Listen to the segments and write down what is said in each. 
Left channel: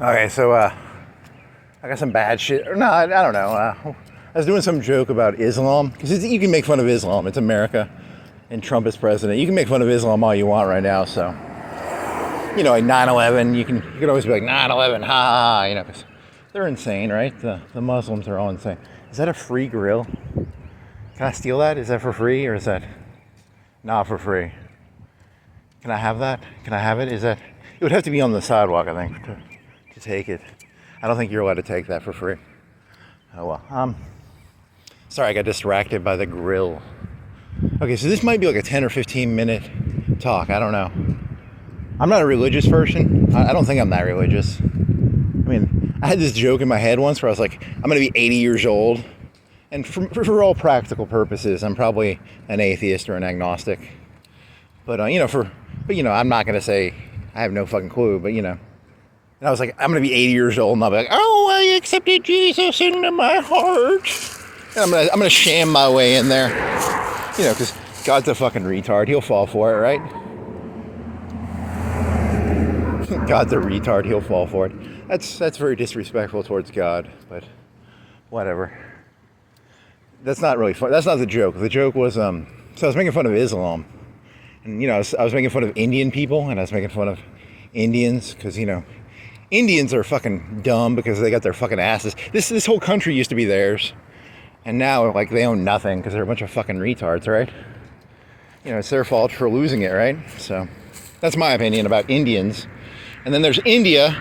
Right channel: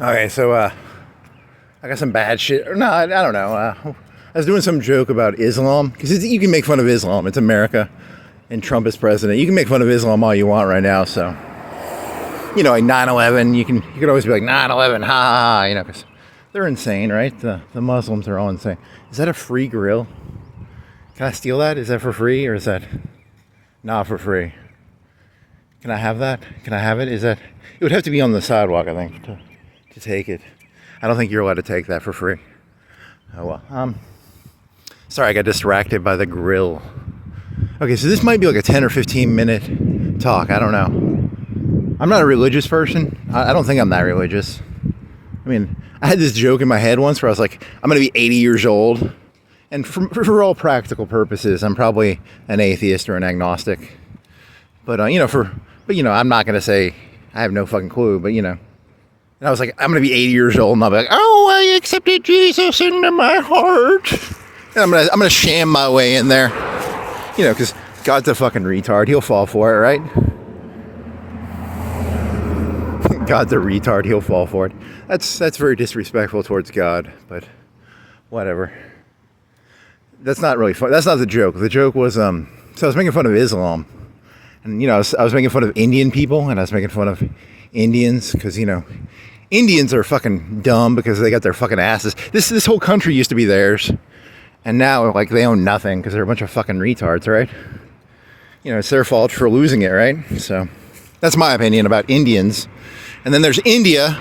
Okay, so I got some bad shit. No, I don't know. I was doing some joke about Islam because you can make fun of Islam. It's America, and Trump is president. You can make fun of Islam all you want right now. So, like 9/11, you could always be like 9/11, ha ha ha, because they're insane, right? The Muslims are all insane. Is that a free grill? Can I steal that? Is that for free or is that not for free? Can I have that? Can I have it? It would have to be on the sidewalk, I think, to take it. I don't think you're allowed to take that for free. Oh well. Sorry, I got distracted by the grill. Okay, so this might be like a 10 or 15 minute talk. I don't know. I'm not a religious person. I don't think I'm that religious. I mean, I had this joke in my head once where I was like, I'm going to be 80 years old. And for all practical purposes, I'm probably an atheist or an agnostic. But, I'm not going to say I have no fucking clue. But, and I was like, I'm going to be 80 years old. And I'll be like, oh, I accepted Jesus into my heart. And I'm gonna sham my way in there. Because God's a fucking retard. He'll fall for it, right? God's a retard. He'll fall for it. That's very disrespectful towards God, but whatever. That's not really fun. That's not the joke. The joke was, so I was making fun of Islam. And, I was making fun of Indian people, and I was making fun of Indians, because, Indians are fucking dumb because they got their fucking asses. This whole country used to be theirs. And now, they own nothing because they're a bunch of fucking retards, right? It's their fault for losing it, right? So, that's my opinion about Indians. And then there's India.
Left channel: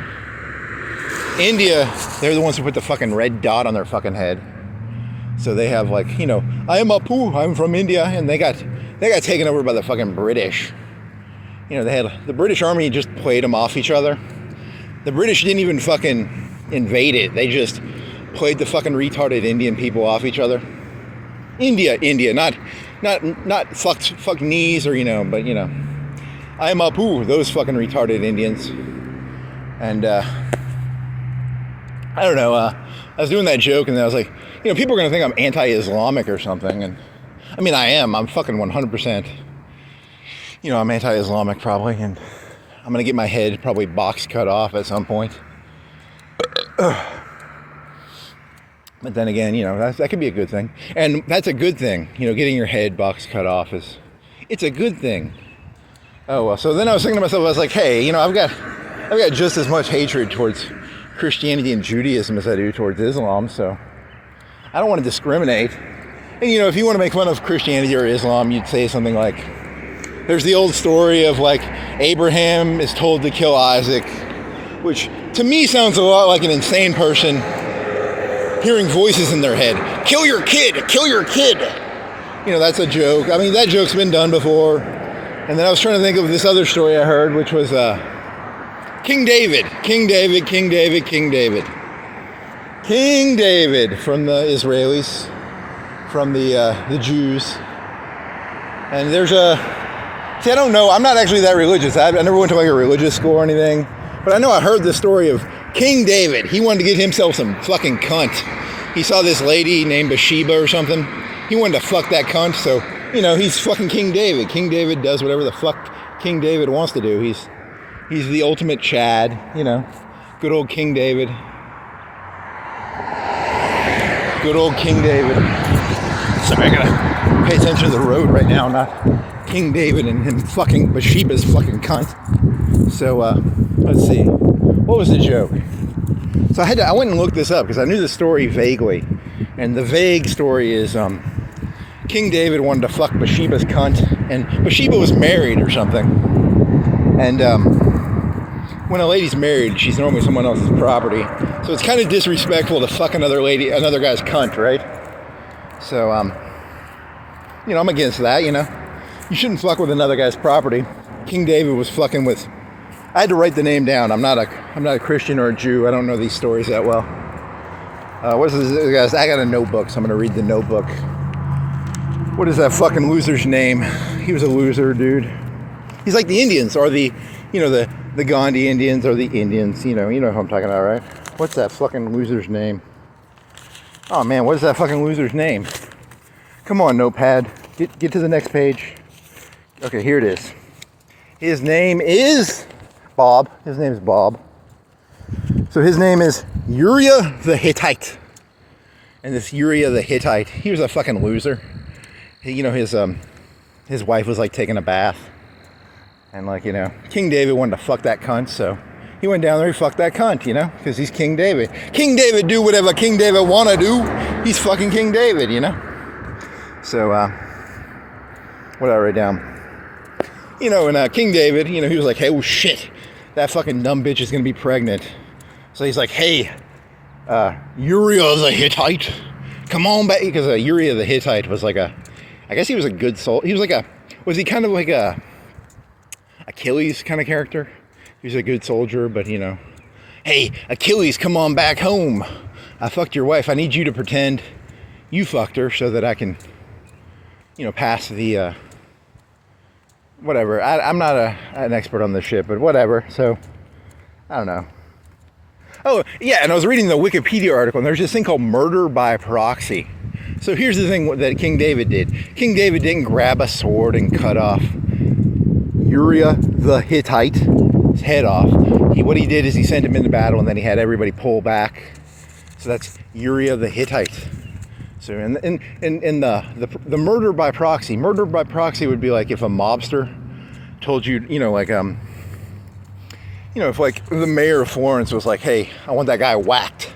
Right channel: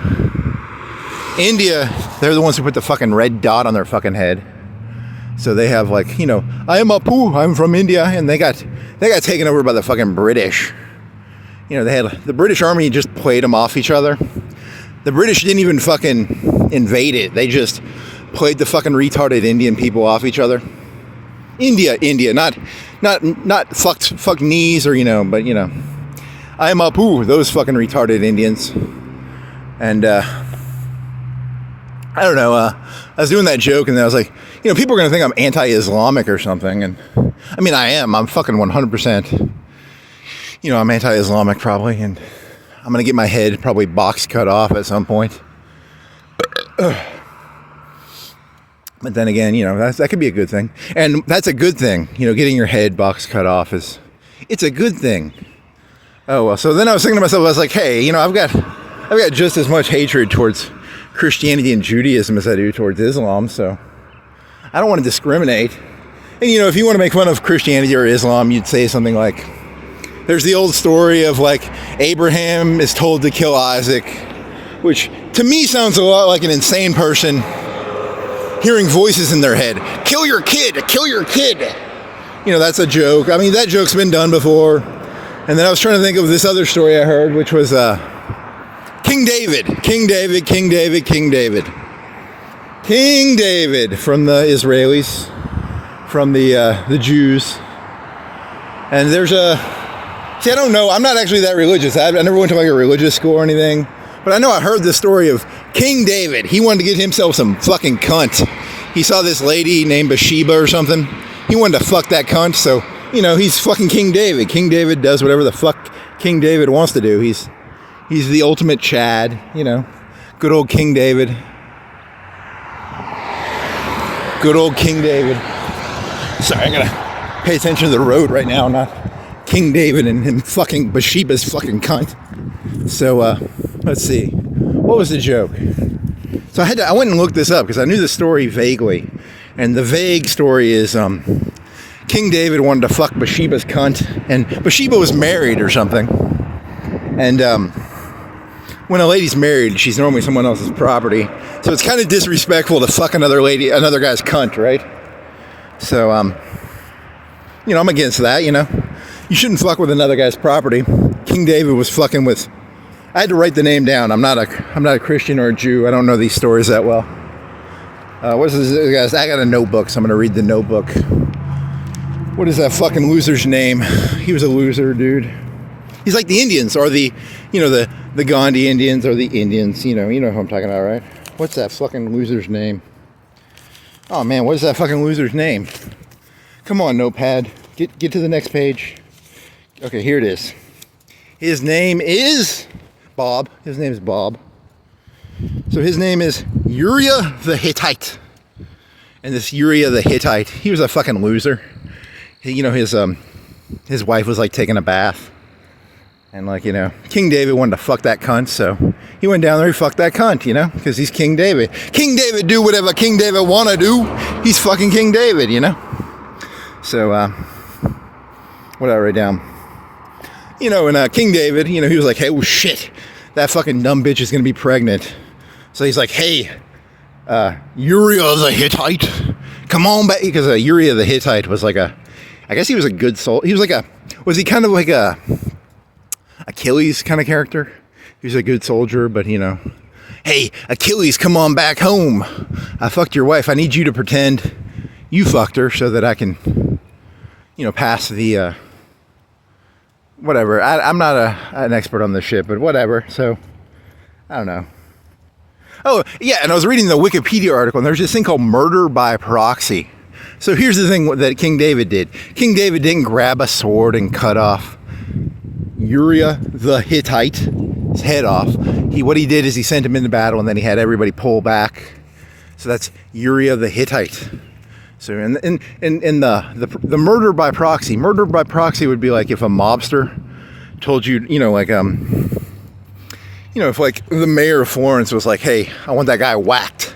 India, they're the ones who put the fucking red dot on their fucking head. So they have I am Apu, I'm from India, and they got taken over by the fucking British. The British army just played them off each other. The British didn't even fucking invade it. They just played the fucking retarded Indian people off each other. India, not fuck knees or but I am Apu, those fucking retarded Indians. And I don't know. I was doing that joke, and I was like, people are gonna think I'm anti-Islamic or something, and I mean I am. I'm fucking 100%. I'm anti-Islamic probably, and I'm gonna get my head probably box cut off at some point. But then again, that could be a good thing. And that's a good thing. Getting your head box cut off it's a good thing. Oh, well, so then I was thinking to myself, I was like, hey, I've got just as much hatred towards Christianity and Judaism as I do towards Islam, so I don't want to discriminate. And, if you want to make fun of Christianity or Islam, you'd say something like, there's the old story of, Abraham is told to kill Isaac, which to me sounds a lot like an insane person hearing voices in their head. Kill your kid! Kill your kid! That's a joke. I mean, that joke's been done before. And then I was trying to think of this other story I heard, which was King David from the Israelis, from the Jews. And there's I don't know. I'm not actually that religious. I never went to a religious school or anything. But I know I heard this story of King David. He wanted to get himself some fucking cunt. He saw this lady named Bathsheba or something. He wanted to fuck that cunt, so, he's fucking King David. King David does whatever the fuck King David wants to do. He's the ultimate Chad, Good old King David. Good old King David. Sorry, I gotta pay attention to the road right now, not King David and fucking Bathsheba's fucking cunt. So, let's see. What was the joke? So I went and looked this up because I knew the story vaguely. And the vague story is King David wanted to fuck Bathsheba's cunt. And Bathsheba was married or something. And when a lady's married, she's normally someone else's property. So it's kind of disrespectful to fuck another guy's cunt, right? So, I'm against that, You shouldn't fuck with another guy's property. King David was fucking with... I had to write the name down. I'm not a Christian or a Jew. I don't know these stories that well. What's this, guys? I got a notebook, so I'm gonna read the notebook. What is that fucking loser's name? He was a loser, dude. He's like the Indians, or the Gandhi Indians, or the Indians. You know who I'm talking about, right? What's that fucking loser's name? Oh man, what is that fucking loser's name? Come on, notepad. Get to the next page. Okay, here it is. His name is Bob. So his name is Uriah the Hittite. And this Uriah the Hittite, he was a fucking loser. His wife was like taking a bath. And like, King David wanted to fuck that cunt, so he went down there, he fucked that cunt, because he's King David. King David do whatever King David want to do. He's fucking King David, So, what did I write down? And King David, he was like, hey, oh shit, that fucking dumb bitch is going to be pregnant. So he's like, hey, Uriah the Hittite, come on back. Because Uriah the Hittite was like I guess he was a good soul. He was was he kind of like a Achilles kind of character? He was a good soldier, but hey, Achilles, come on back home. I fucked your wife. I need you to pretend you fucked her so that I can, pass the, whatever. I'm not an expert on this shit, but whatever. So, I don't know. Oh, yeah, and I was reading the Wikipedia article, and there's this thing called murder by proxy. So here's the thing that King David did. King David didn't grab a sword and cut off Uriah the Hittite's head off. What he did is he sent him into battle, and then he had everybody pull back. So that's Uriah the Hittite. So and the murder by proxy. Murder by proxy would be like if a mobster told you, if like the mayor of Florence was like, hey, I want that guy whacked.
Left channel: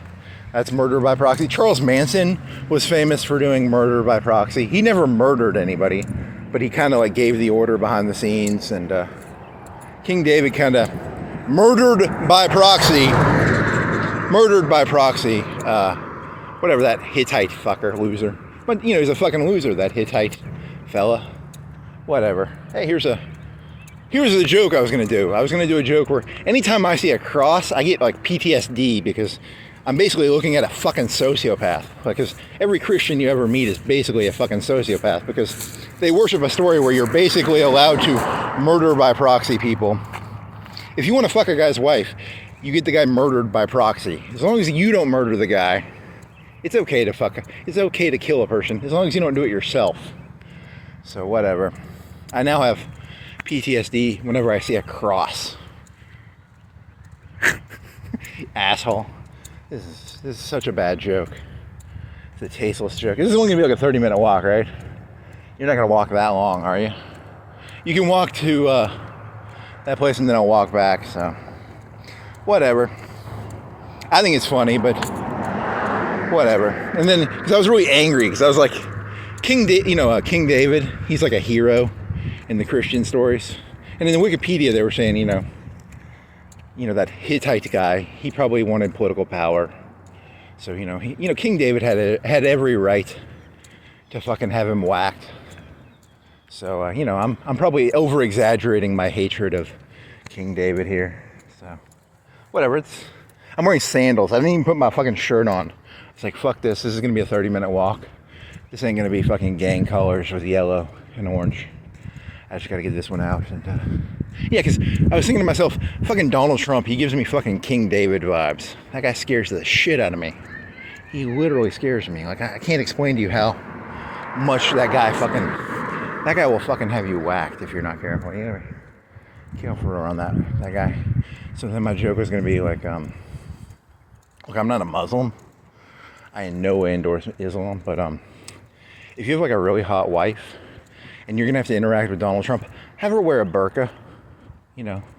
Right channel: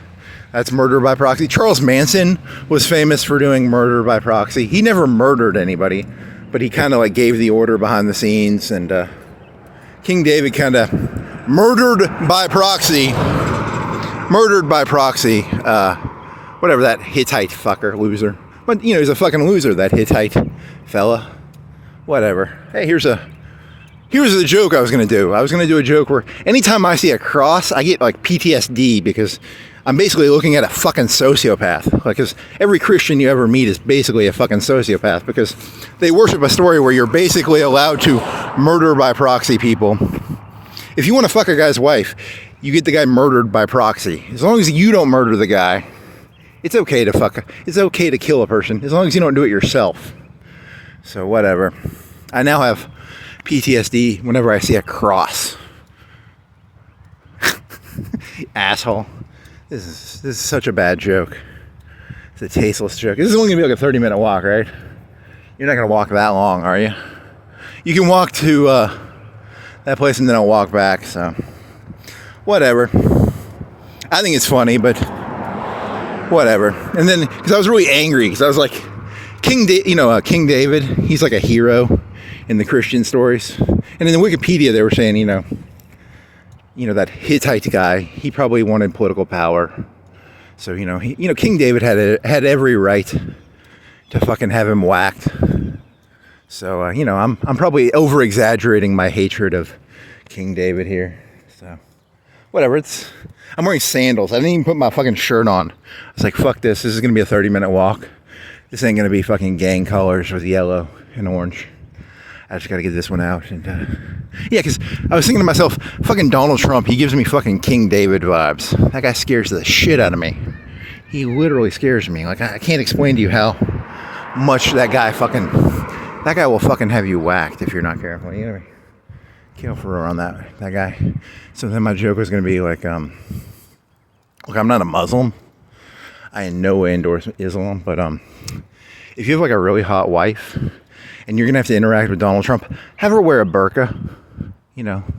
That's murder by proxy. Charles Manson was famous for doing murder by proxy. He never murdered anybody, but he kind of like gave the order behind the scenes, and King David kind of murdered by proxy, whatever that Hittite fucker, loser. But, he's a fucking loser, that Hittite fella. Whatever. Hey, here's the joke I was going to do. I was going to do a joke where anytime I see a cross, I get like PTSD because I'm basically looking at a fucking sociopath. Like, because every Christian you ever meet is basically a fucking sociopath because they worship a story where you're basically allowed to murder by proxy people. If you want to fuck a guy's wife, you get the guy murdered by proxy. As long as you don't murder the guy, it's okay to it's okay to kill a person, as long as you don't do it yourself. So whatever. I now have PTSD whenever I see a cross. Asshole. This is such a bad joke. It's a tasteless joke. This is only gonna be like a 30-minute walk, right? You're not gonna walk that long, are you? You can walk to that place and then I'll walk back, so whatever. I think it's funny, but whatever. And then, because I was really angry, because I was like, King David, he's like a hero in the Christian stories. And in the Wikipedia, they were saying, that Hittite guy, he probably wanted political power. So, King David had every right to fucking have him whacked. So, I'm probably over-exaggerating my hatred of King David here. So, whatever. I'm wearing sandals. I didn't even put my fucking shirt on. I was like, fuck this. This is going to be a 30-minute walk. This ain't going to be fucking gang colors with yellow and orange. I just got to get this one out. And yeah, because I was thinking to myself, fucking Donald Trump, he gives me fucking King David vibes. That guy scares the shit out of me. He literally scares me. Like, I can't explain to you how much that guy will fucking have you whacked if you're not careful. You gotta be careful around that guy. So then my joke was going to be like, look, I'm not a Muslim. I in no way endorse Islam, but if you have like a really hot wife and you're gonna have to interact with Donald Trump, have her wear a burqa.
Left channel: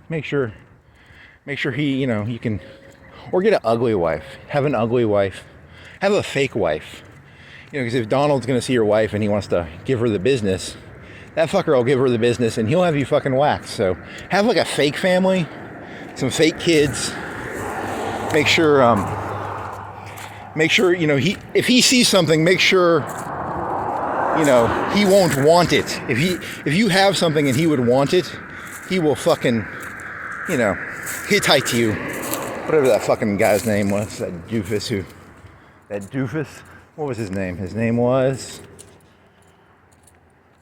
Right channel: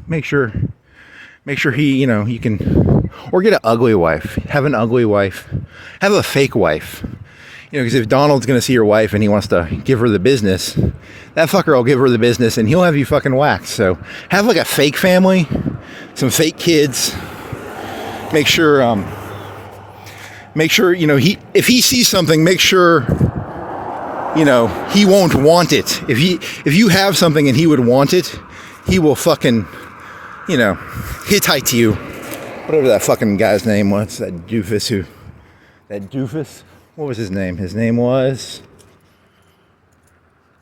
Make sure he, you can, or get an ugly wife. Have an ugly wife. Have a fake wife. Because if Donald's gonna see your wife and he wants to give her the business, that fucker will give her the business and he'll have you fucking whacked. So have like a fake family, some fake kids. Make sure, if he sees something, make sure, he won't want it. If you have something and he would want it, he will fucking, Hittite you. Whatever that fucking guy's name was, that doofus. What was his name? His name was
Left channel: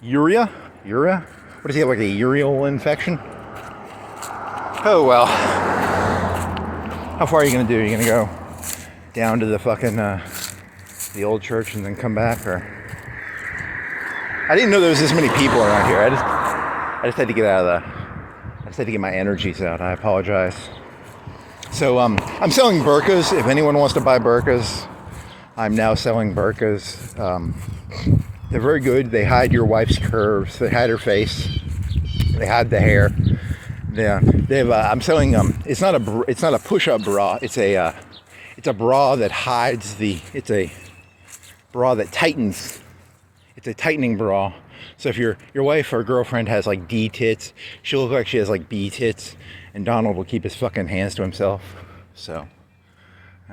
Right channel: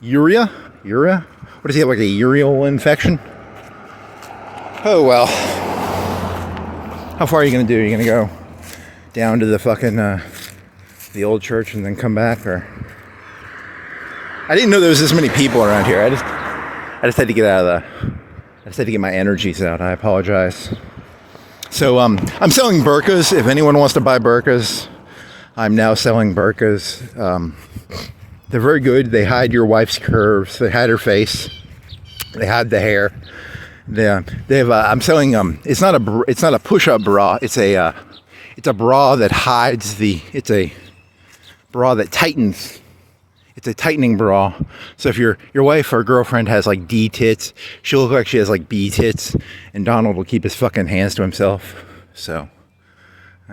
Uriah? What does he have, like a urial infection? Oh, well. How far are you going to do? Are you going to go down to the fucking, the old church and then come back, or? I didn't know there was this many people around here. I just had to get my energies out. I apologize. So I'm selling burqas. If anyone wants to buy burqas, I'm now selling burqas. They're very good. They hide your wife's curves. They hide her face. They hide the hair. They have. I'm selling. It's not a push-up bra. It's a bra that hides the. It's a bra that tightens. It's a tightening bra. So if your wife or girlfriend has like D tits, she'll look like she has like B tits, and Donald will keep his fucking hands to himself. So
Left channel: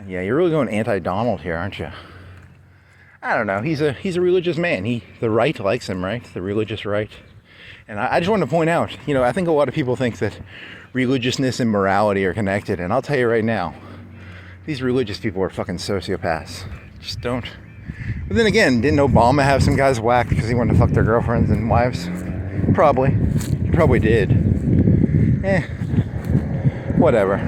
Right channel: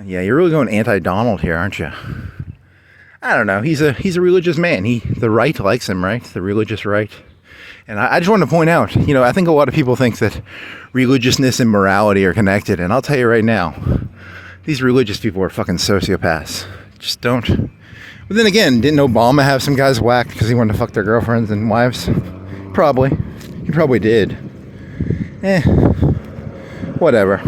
yeah, you're really going anti-Donald here, aren't you? I don't know. He's a religious man. The right likes him, right? The religious right. And I just want to point out, I think a lot of people think that religiousness and morality are connected. And I'll tell you right now, these religious people are fucking sociopaths. Just don't. But then again, didn't Obama have some guys whacked because he wanted to fuck their girlfriends and wives? Probably. He probably did. Whatever.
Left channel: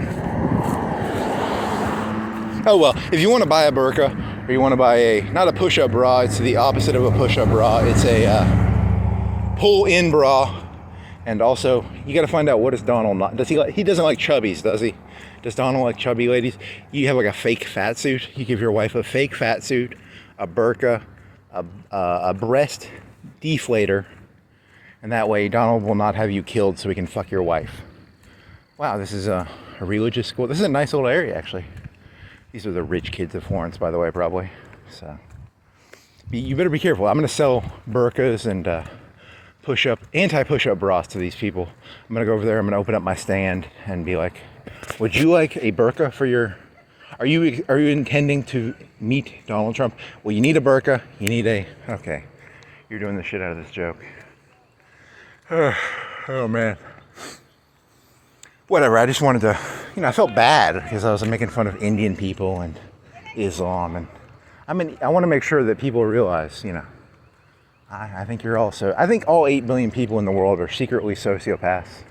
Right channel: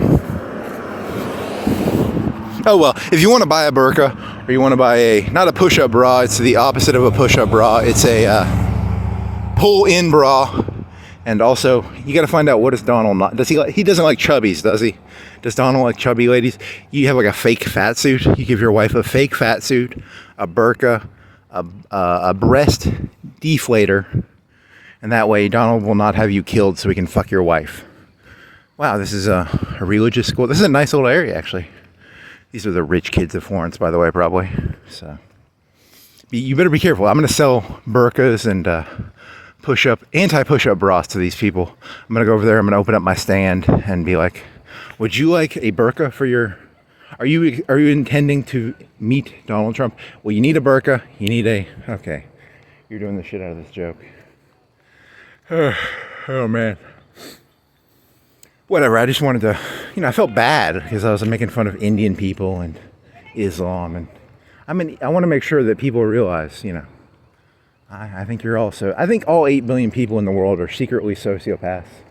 Oh well, if you want to buy a burqa, or you want to buy not a push-up bra, it's the opposite of a push-up bra. It's a pull-in bra. And also, you got to find out, what does Donald not, he doesn't like chubbies, does he? Does Donald like chubby ladies? You have like a fake fat suit. You give your wife a fake fat suit, a burqa, a breast deflator, and that way Donald will not have you killed so he can fuck your wife. Wow, this is a religious school. This is a nice little area, actually. These are the rich kids of Florence, by the way, probably. So you better be careful. I'm going to sell burqas and anti-push-up bras to these people. I'm going to go over there. I'm going to open up my stand and be like, would you like a burqa for your... Are you intending to meet Donald Trump? Well, you need a burqa. You need a... Okay. You're doing the shit out of this joke. Oh man. Whatever. I just wanted to... I felt bad because I was making fun of Indian people and Islam. And I want to make sure that people realize, I think I think all 8 billion people in the world are secretly sociopaths.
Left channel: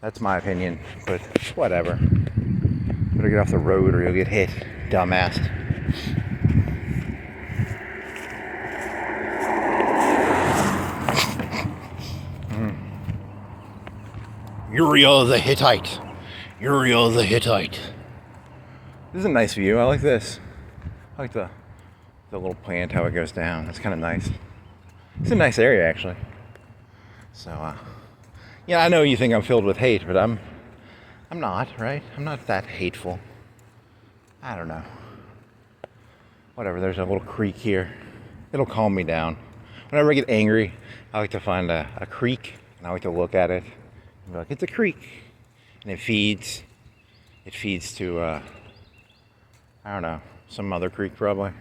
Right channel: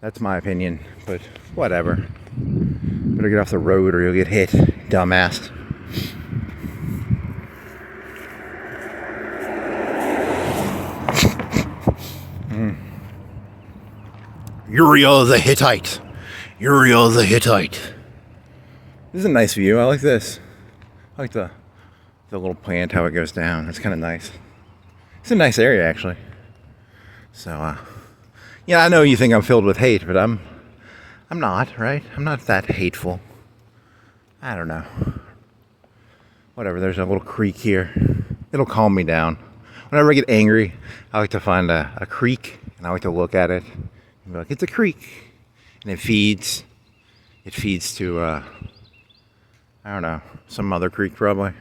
That's my opinion, but whatever. Better get off the road or you'll get hit, dumbass. Uriah the Hittite. Uriah the Hittite. This is a nice view. I like this. I like the little plant, how it goes down. That's kind of nice. It's a nice area, actually. So, I know you think I'm filled with hate, but I'm not, right? I'm not that hateful. I don't know. Whatever, there's a little creek here. It'll calm me down. Whenever I get angry, I like to find a creek, and I like to look at it and be like, it's a creek. And it feeds to, I don't know, some other creek probably.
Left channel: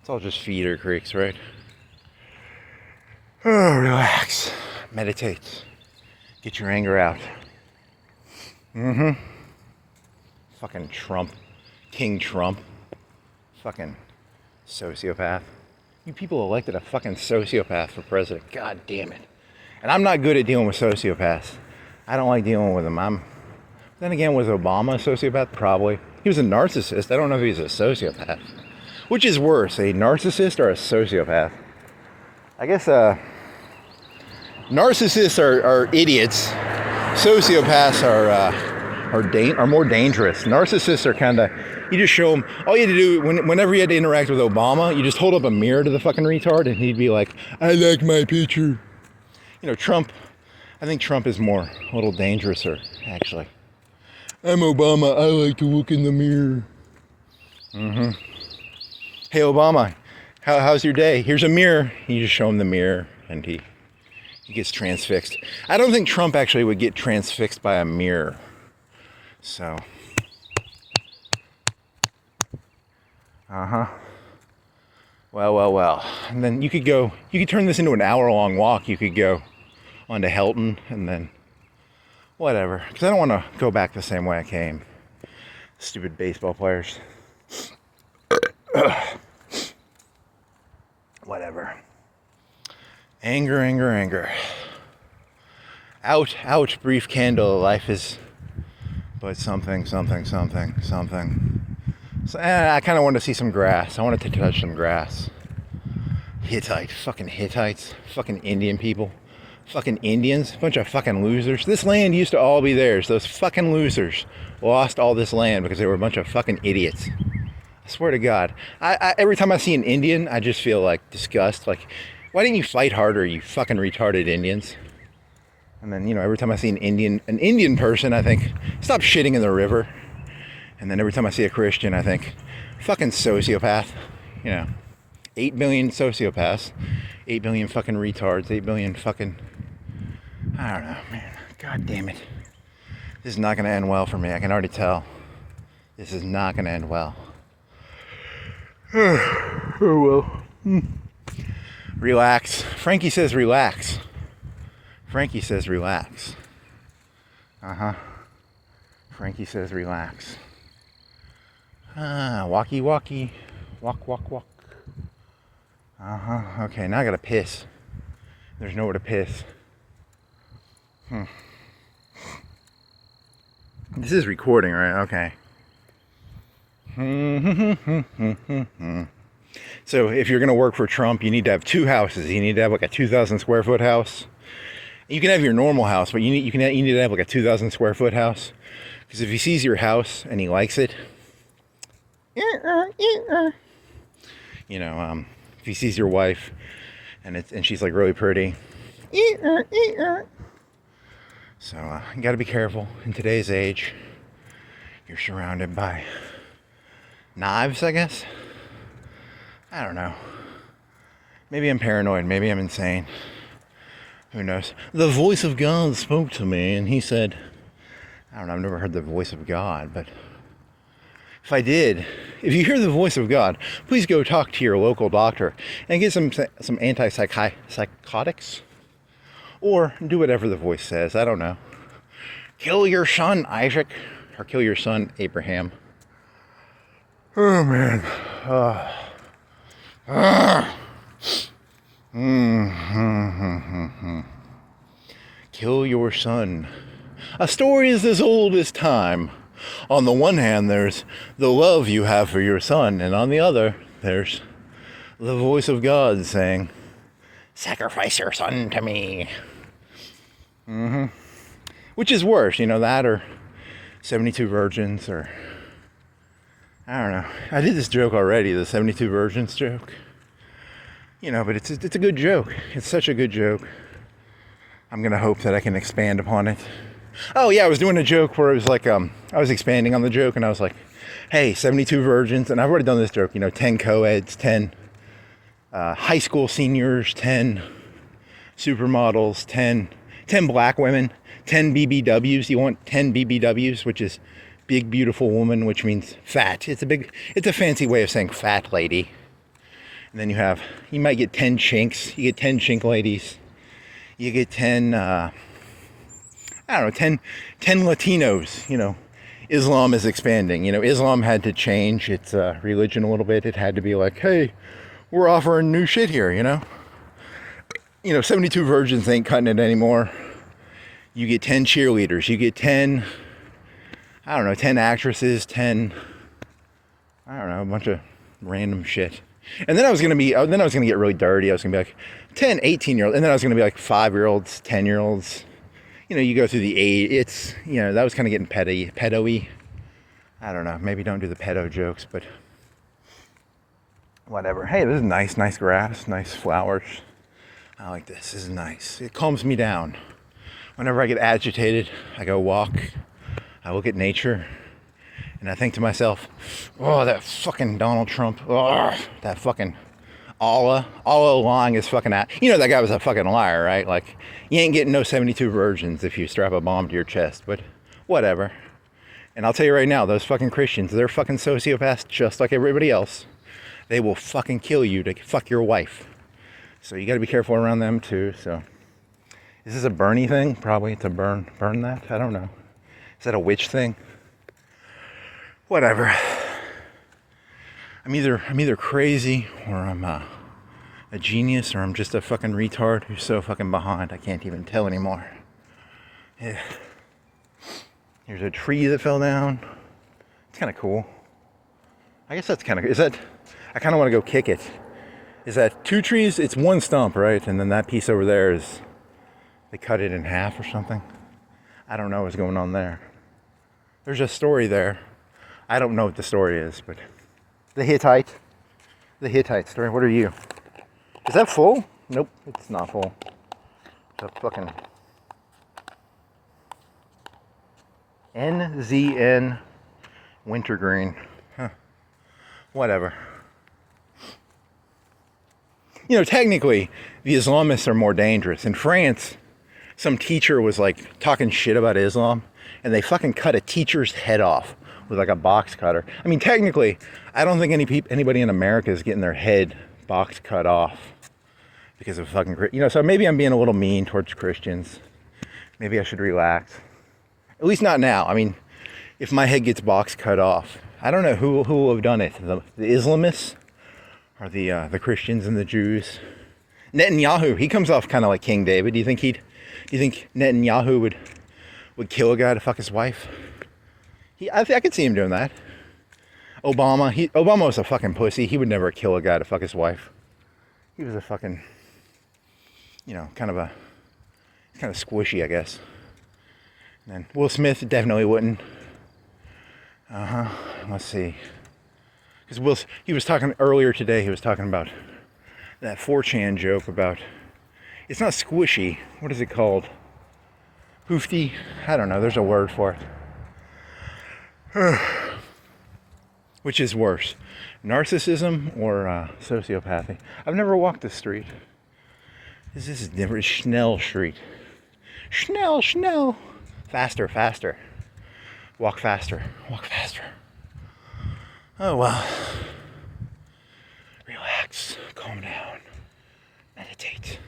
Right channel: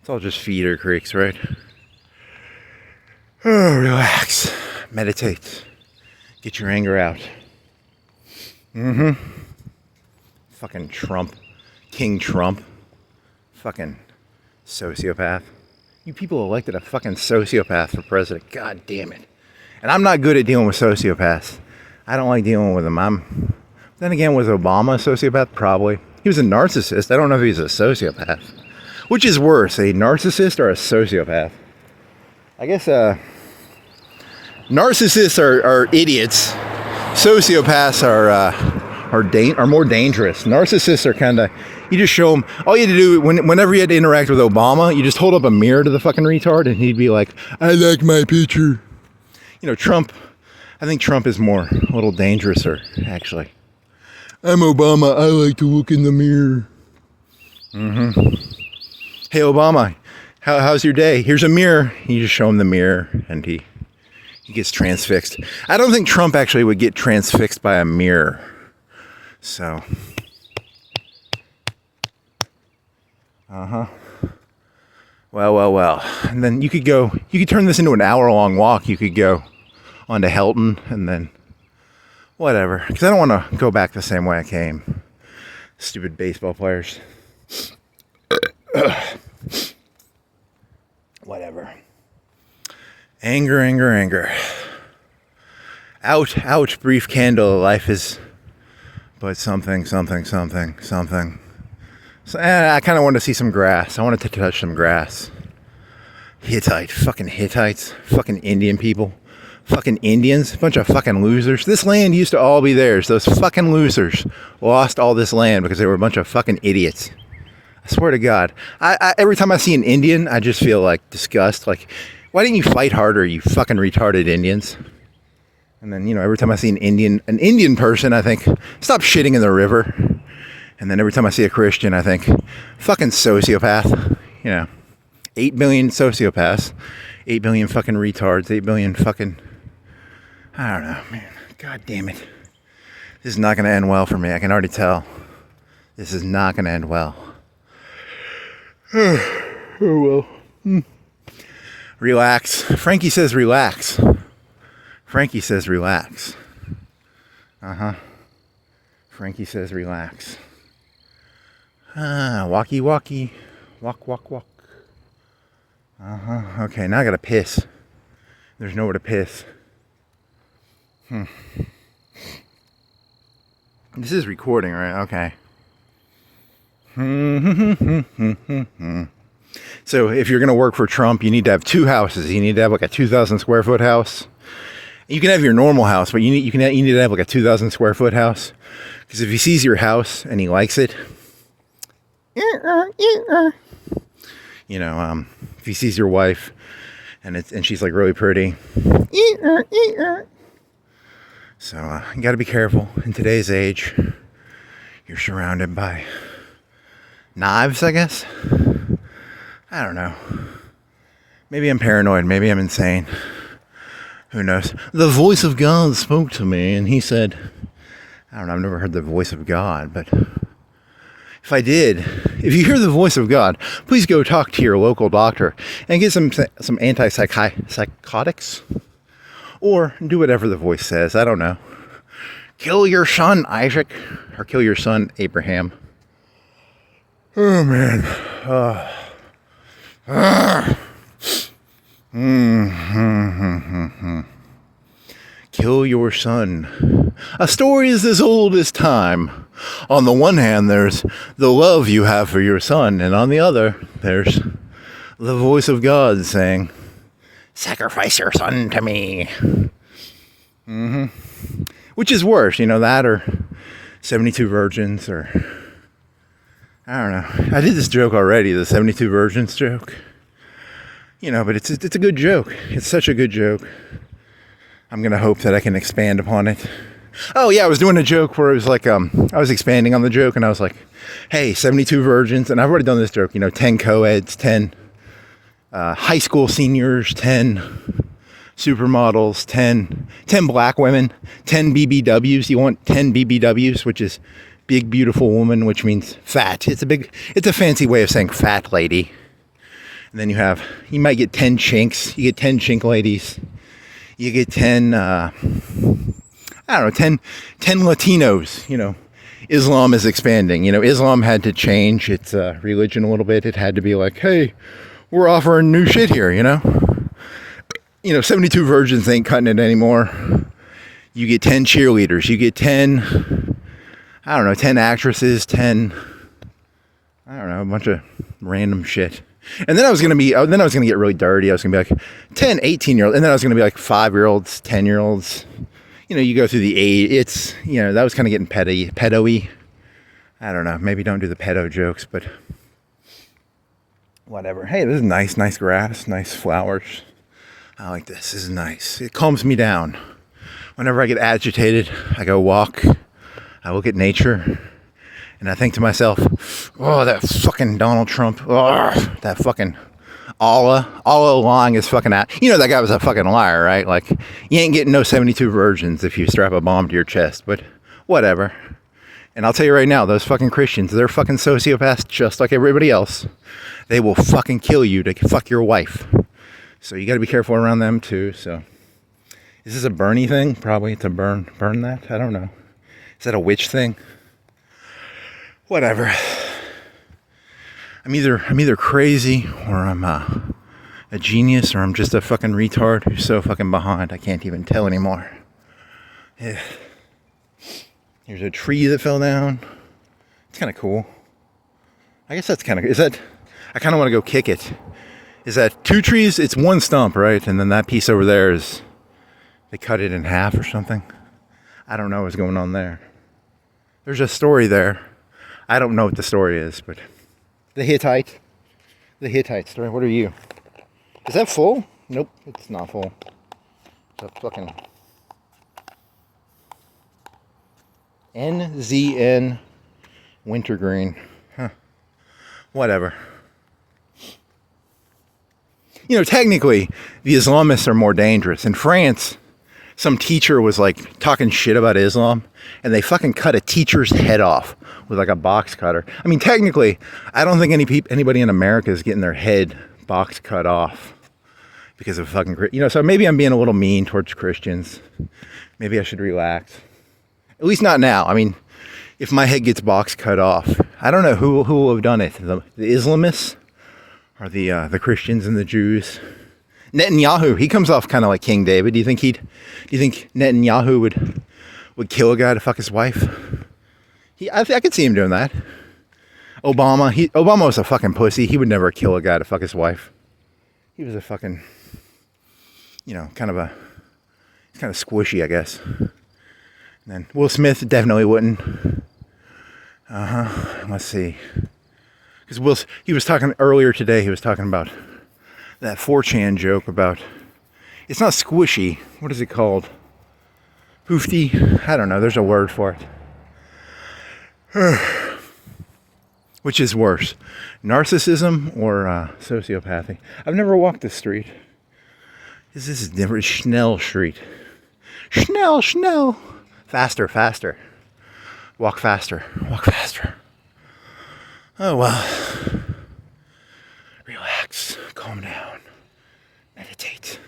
It's all just feeder creeks, right? Oh, relax. Meditate. Get your anger out. Fucking Trump. King Trump. Fucking sociopath. You people elected a fucking sociopath for president. God damn it. And I'm not good at dealing with sociopaths. I don't like dealing with them. Then again, was Obama a sociopath? Probably. He was a narcissist. I don't know if he's a sociopath. Which is worse, a narcissist or a sociopath? I guess, narcissists are idiots. Sociopaths are more dangerous. Narcissists are kind of, you just show them, all you had to do, whenever you had to interact with Obama, you just hold up a mirror to the fucking retard and he'd be like, I like my picture. Trump, I think Trump is a little dangerouser, actually. I'm Obama, I like to look in the mirror. Hey Obama, how's your day? Here's a mirror. You just show him the mirror and he gets transfixed. I don't think Trump actually would get transfixed by a mirror. So. Well. And then you could turn this into an hour-long walk. You could go onto Helton and then whatever. Because I don't want to go back the same way I came. Stupid baseball players. Whatever. Anger. Out, brief candle. Life is but something. So, I kind of wanted to see some grass. I wanted to touch some grass. Hittite. Fucking Hittites. Fucking Indian people. Fucking Indians, a bunch of fucking losers. This land used to all be theirs. Those fucking losers lost all this land because they were a bunch of fucking idiots. I swear to God. Every time I see an Indian, I just feel like disgust. Like, why didn't you fight harder, you fucking retarded Indians? And then, you know, every time I see an Indian person, I think, stop shitting in the river. And then every time I see a Christian, I think, fucking sociopath. You know, 8 billion sociopaths, 8 billion fucking retards, 8 billion fucking, I don't know, man. God damn it. This is not going to end well for me. I can already tell. This is not going to end well. Oh, well. Relax. Frankie says relax. Frankie says relax. Frankie says relax. Walkie walkie. Walk, walk, walk. Okay, now I gotta piss. There's nowhere to piss. This is recording, right? Okay. So if you're gonna work for Trump, you need to have 2 houses. You need to have like a 2,000 square foot house. You can have your normal house, but you need to have like a 2,000 square foot house. Because if he sees your house and he likes it, you know, if he sees your wife and she's like really pretty, so you got to be careful. In today's age, you're surrounded by knives, I guess. I don't know. Maybe I'm paranoid. Maybe I'm insane. Who knows? The voice of God spoke to me, and he said, I don't know, I've never heard the voice of God, but if I did, if you hear the voice of God, please go talk to your local doctor and get some antipsychotics, or do whatever the voice says. I don't know. Kill your son, Isaac, or kill your son, Abraham. Oh, man. Kill your son. A story is as old as time. On the one hand, there's the love you have for your son, and on the other, there's the voice of God saying, sacrifice your son to me. Which is worse, you know, that or 72 virgins, or I don't know. I did this joke already, the 72 virgins joke. You know, but it's a good joke. It's such a good joke. I'm going to hope that I can expand upon it. Oh, yeah, I was doing a joke where it was like, I was expanding on the joke, and I was like, hey, 72 virgins, and I've already done this joke, you know, 10 co-eds, 10 high school seniors, 10 supermodels, 10 black women, 10 BBWs. You want 10 BBWs, which is big, beautiful woman, which means fat. It's a fancy way of saying fat lady. And then you might get 10 chinks. You get 10 chink ladies. You get 10, I don't know, 10 Latinos. You know, Islam is expanding. You know, Islam had to change its religion a little bit. It had to be like, hey, we're offering new shit here, you know? You know, 72 virgins ain't cutting it anymore. You get 10 cheerleaders. You get 10, I don't know, 10 actresses, 10, I don't know, a bunch of random shit. And then I was going to get really dirty. I was going to be like 10, 18-year-olds. And then I was going to be like 5-year-olds, 10-year-olds. You know, you go through the age. It's, you know, that was kind of getting pedo-y. I don't know. Maybe don't do the pedo jokes, but whatever. Hey, this is nice grass, nice flowers. I like this. This is nice. It calms me down. Whenever I get agitated, I go walk. I look at nature. And I think to myself, oh, that fucking Donald Trump. Oh, that fucking Allah lying is fucking out. You know that guy was a fucking liar, right? Like, you ain't getting no 72 virgins if you strap a bomb to your chest. But whatever. And I'll tell you right now, those fucking Christians, they're fucking sociopaths just like everybody else. They will fucking kill you to fuck your wife. So you got to be careful around them too. So is this a Bernie thing? Probably to burn that. I don't know. Is that a witch thing? Whatever. I'm either crazy or I'm a genius or I'm just a fucking retard who's so fucking behind I can't even tell anymore. Yeah. There's a tree that fell down. It's kind of cool. I guess that's kind of, I kind of want to go kick it. Is that 2 trees? It's 1 stump, right? And then that piece over there is They cut it in half or something. I don't know what's going on there. There's a story there. I don't know what the story is, but the Hittite story. What are you? Is that full? Nope, it's not full. It's a fucking NZN wintergreen. Huh. Whatever. You know, technically, the Islamists are more dangerous. In France, some teacher was like talking shit about Islam, and they fucking cut a teacher's head off with like a box cutter. I mean, technically, I don't think anybody in America is getting their head box cut off because of fucking, you know, so maybe I'm being a little mean towards Christians. Maybe I should relax. At least not now. I mean, if my head gets box cut off, I don't know who will have done it. The Islamists or the Christians and the Jews. Netanyahu, he comes off kind of like King David. Do you think Netanyahu would kill a guy to fuck his wife? I could see him doing that. Obama was a fucking pussy. He would never kill a guy to fuck his wife. He was a fucking, you know, kind of squishy, I guess. And then Will Smith definitely wouldn't. Let's see. Because he was talking earlier today, he was talking about that 4chan joke about, it's not squishy, what is it called? Hoofty? I don't know, there's a word for it. Which is worse, narcissism or sociopathy? I've never walked this street. This is different. Schnell Street. Schnell. Faster. Walk faster. Oh well. Relax. Calm down. Meditate.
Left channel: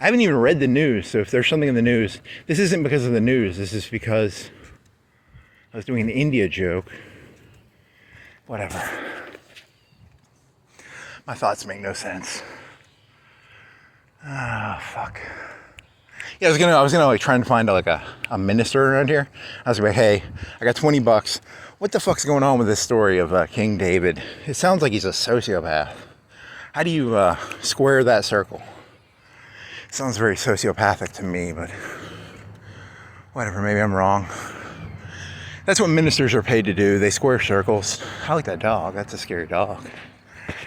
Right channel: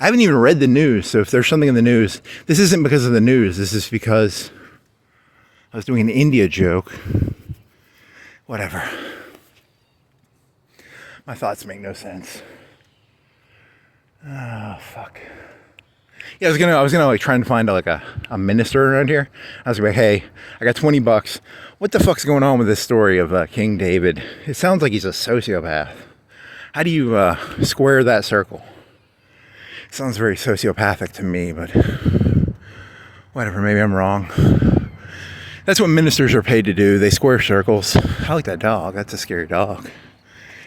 I haven't even read the news, so if there's something in the news, this isn't because of the news. This is because I was doing an India joke. Whatever. My thoughts make no sense. Ah, fuck. Yeah, I was gonna like try and find like a minister around here. I was like, hey, I got $20. What the fuck's going on with this story of King David? It sounds like he's a sociopath. How do you square that circle? It sounds very sociopathic to me, but whatever, maybe I'm wrong. That's what ministers are paid to do. They square circles. I like that dog. That's a scary dog.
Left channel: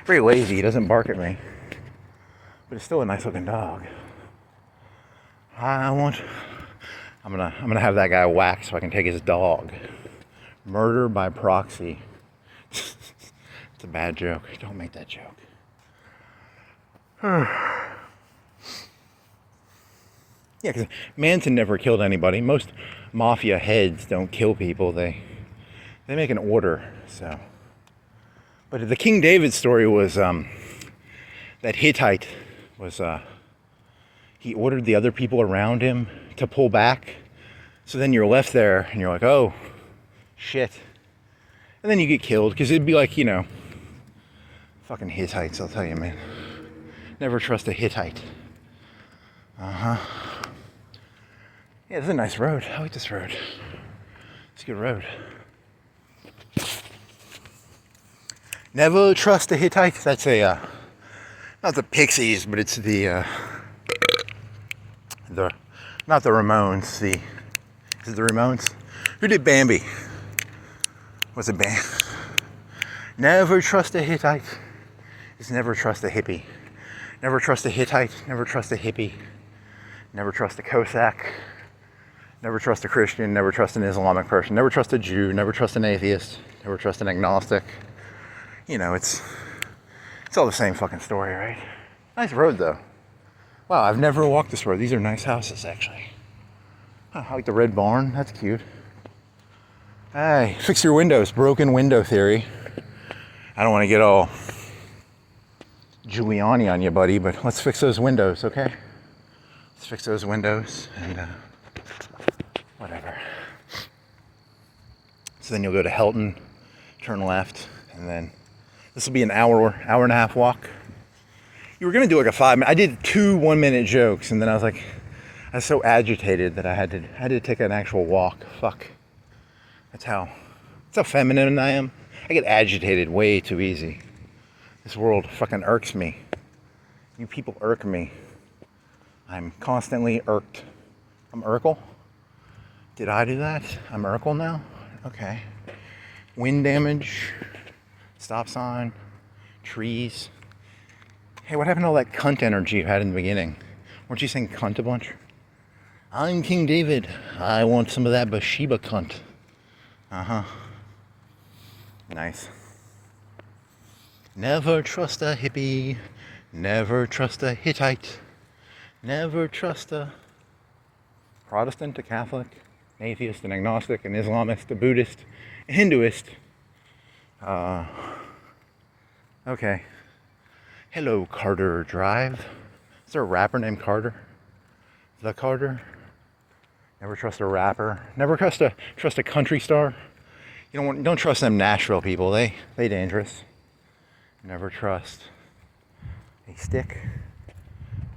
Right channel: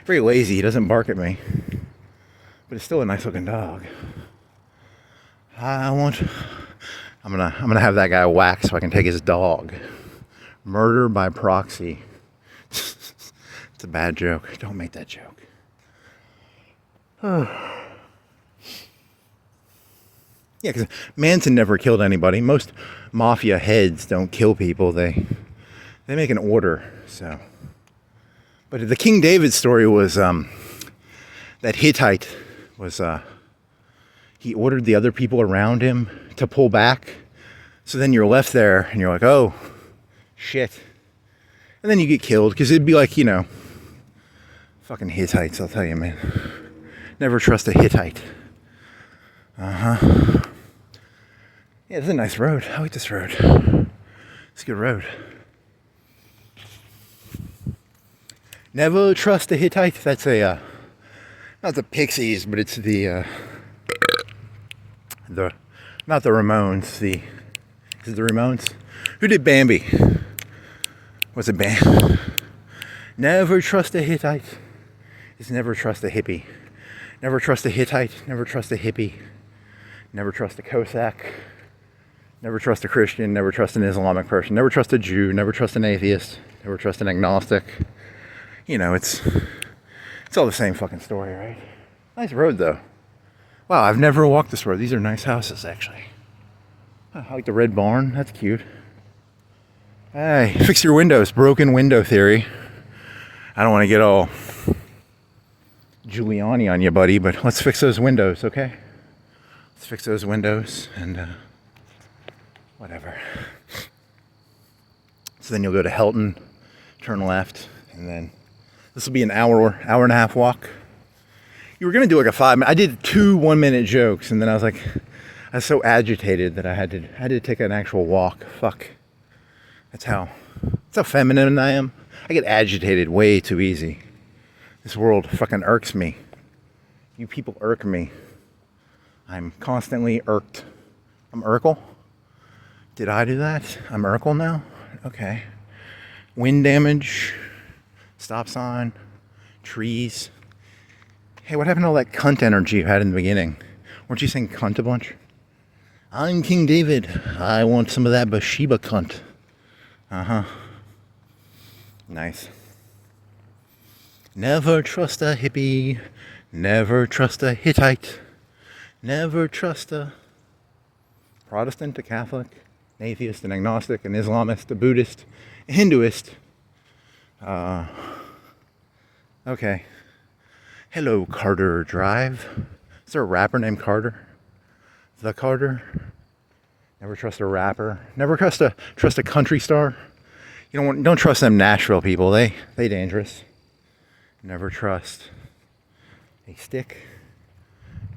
Very lazy. He doesn't bark at me. But it's still a nice looking dog. I'm gonna have that guy whacked so I can take his dog. Murder by proxy. It's a bad joke. Don't make that joke. Yeah, because Manson never killed anybody. Most mafia heads don't kill people. They make an order. So, but the King David story was that Hittite was he ordered the other people around him to pull back. So then you're left there and you're like, oh shit, and then you get killed because it'd be like, you know, fucking Hittites. I'll tell you, man. Never trust a Hittite. Yeah, this is a nice road. I like this road. It's a good road. Never trust a Hittite. That's a, not the Pixies, but it's the not the Ramones. Is it the Ramones? Who did Bambi? What's it, Bam? Never trust a Hittite. It's never trust a hippie. Never trust a Hittite. Never trust a hippie. Never trust a Cossack. Never trust a Christian. Never trust an Islamic person. Never trust a Jew. Never trust an atheist. Never trust an agnostic. You know, it's all the same fucking story, right? Nice road, though. Wow, I've never walked this road. These are nice houses, actually. I like the red barn. That's cute. Hey, fix your windows. Broken window theory. I don't want to get all Giuliani on you, buddy, but let's fix those windows, okay? Let's fix those windows and whatever. So then you'll go to Helton, turn left, and then this will be an hour and a half walk. You were gonna do like a 5 minute. I did 2 1-minute jokes, and then I was so agitated that I had to take an actual walk. Fuck. That's how feminine I am. I get agitated way too easy. This world fucking irks me. You people irk me. I'm constantly irked. I'm Urkel. Did I do that? I'm Urkel now? Okay. Wind damage. Stop sign. Trees. Hey, what happened to all that cunt energy you had in the beginning? Weren't you saying cunt a bunch? I'm King David. I want some of that Bathsheba cunt. Uh-huh. Nice. Never trust a hippie. Never trust a Hittite. Never trust a Protestant, a Catholic, an atheist, an agnostic, an Islamist, a Buddhist, a Hinduist. Okay. Hello, Carter Drive. Is there a rapper named Carter? The Carter? Never trust a rapper. Never trust a country star. You don't trust them Nashville people. They dangerous. Never trust a stick.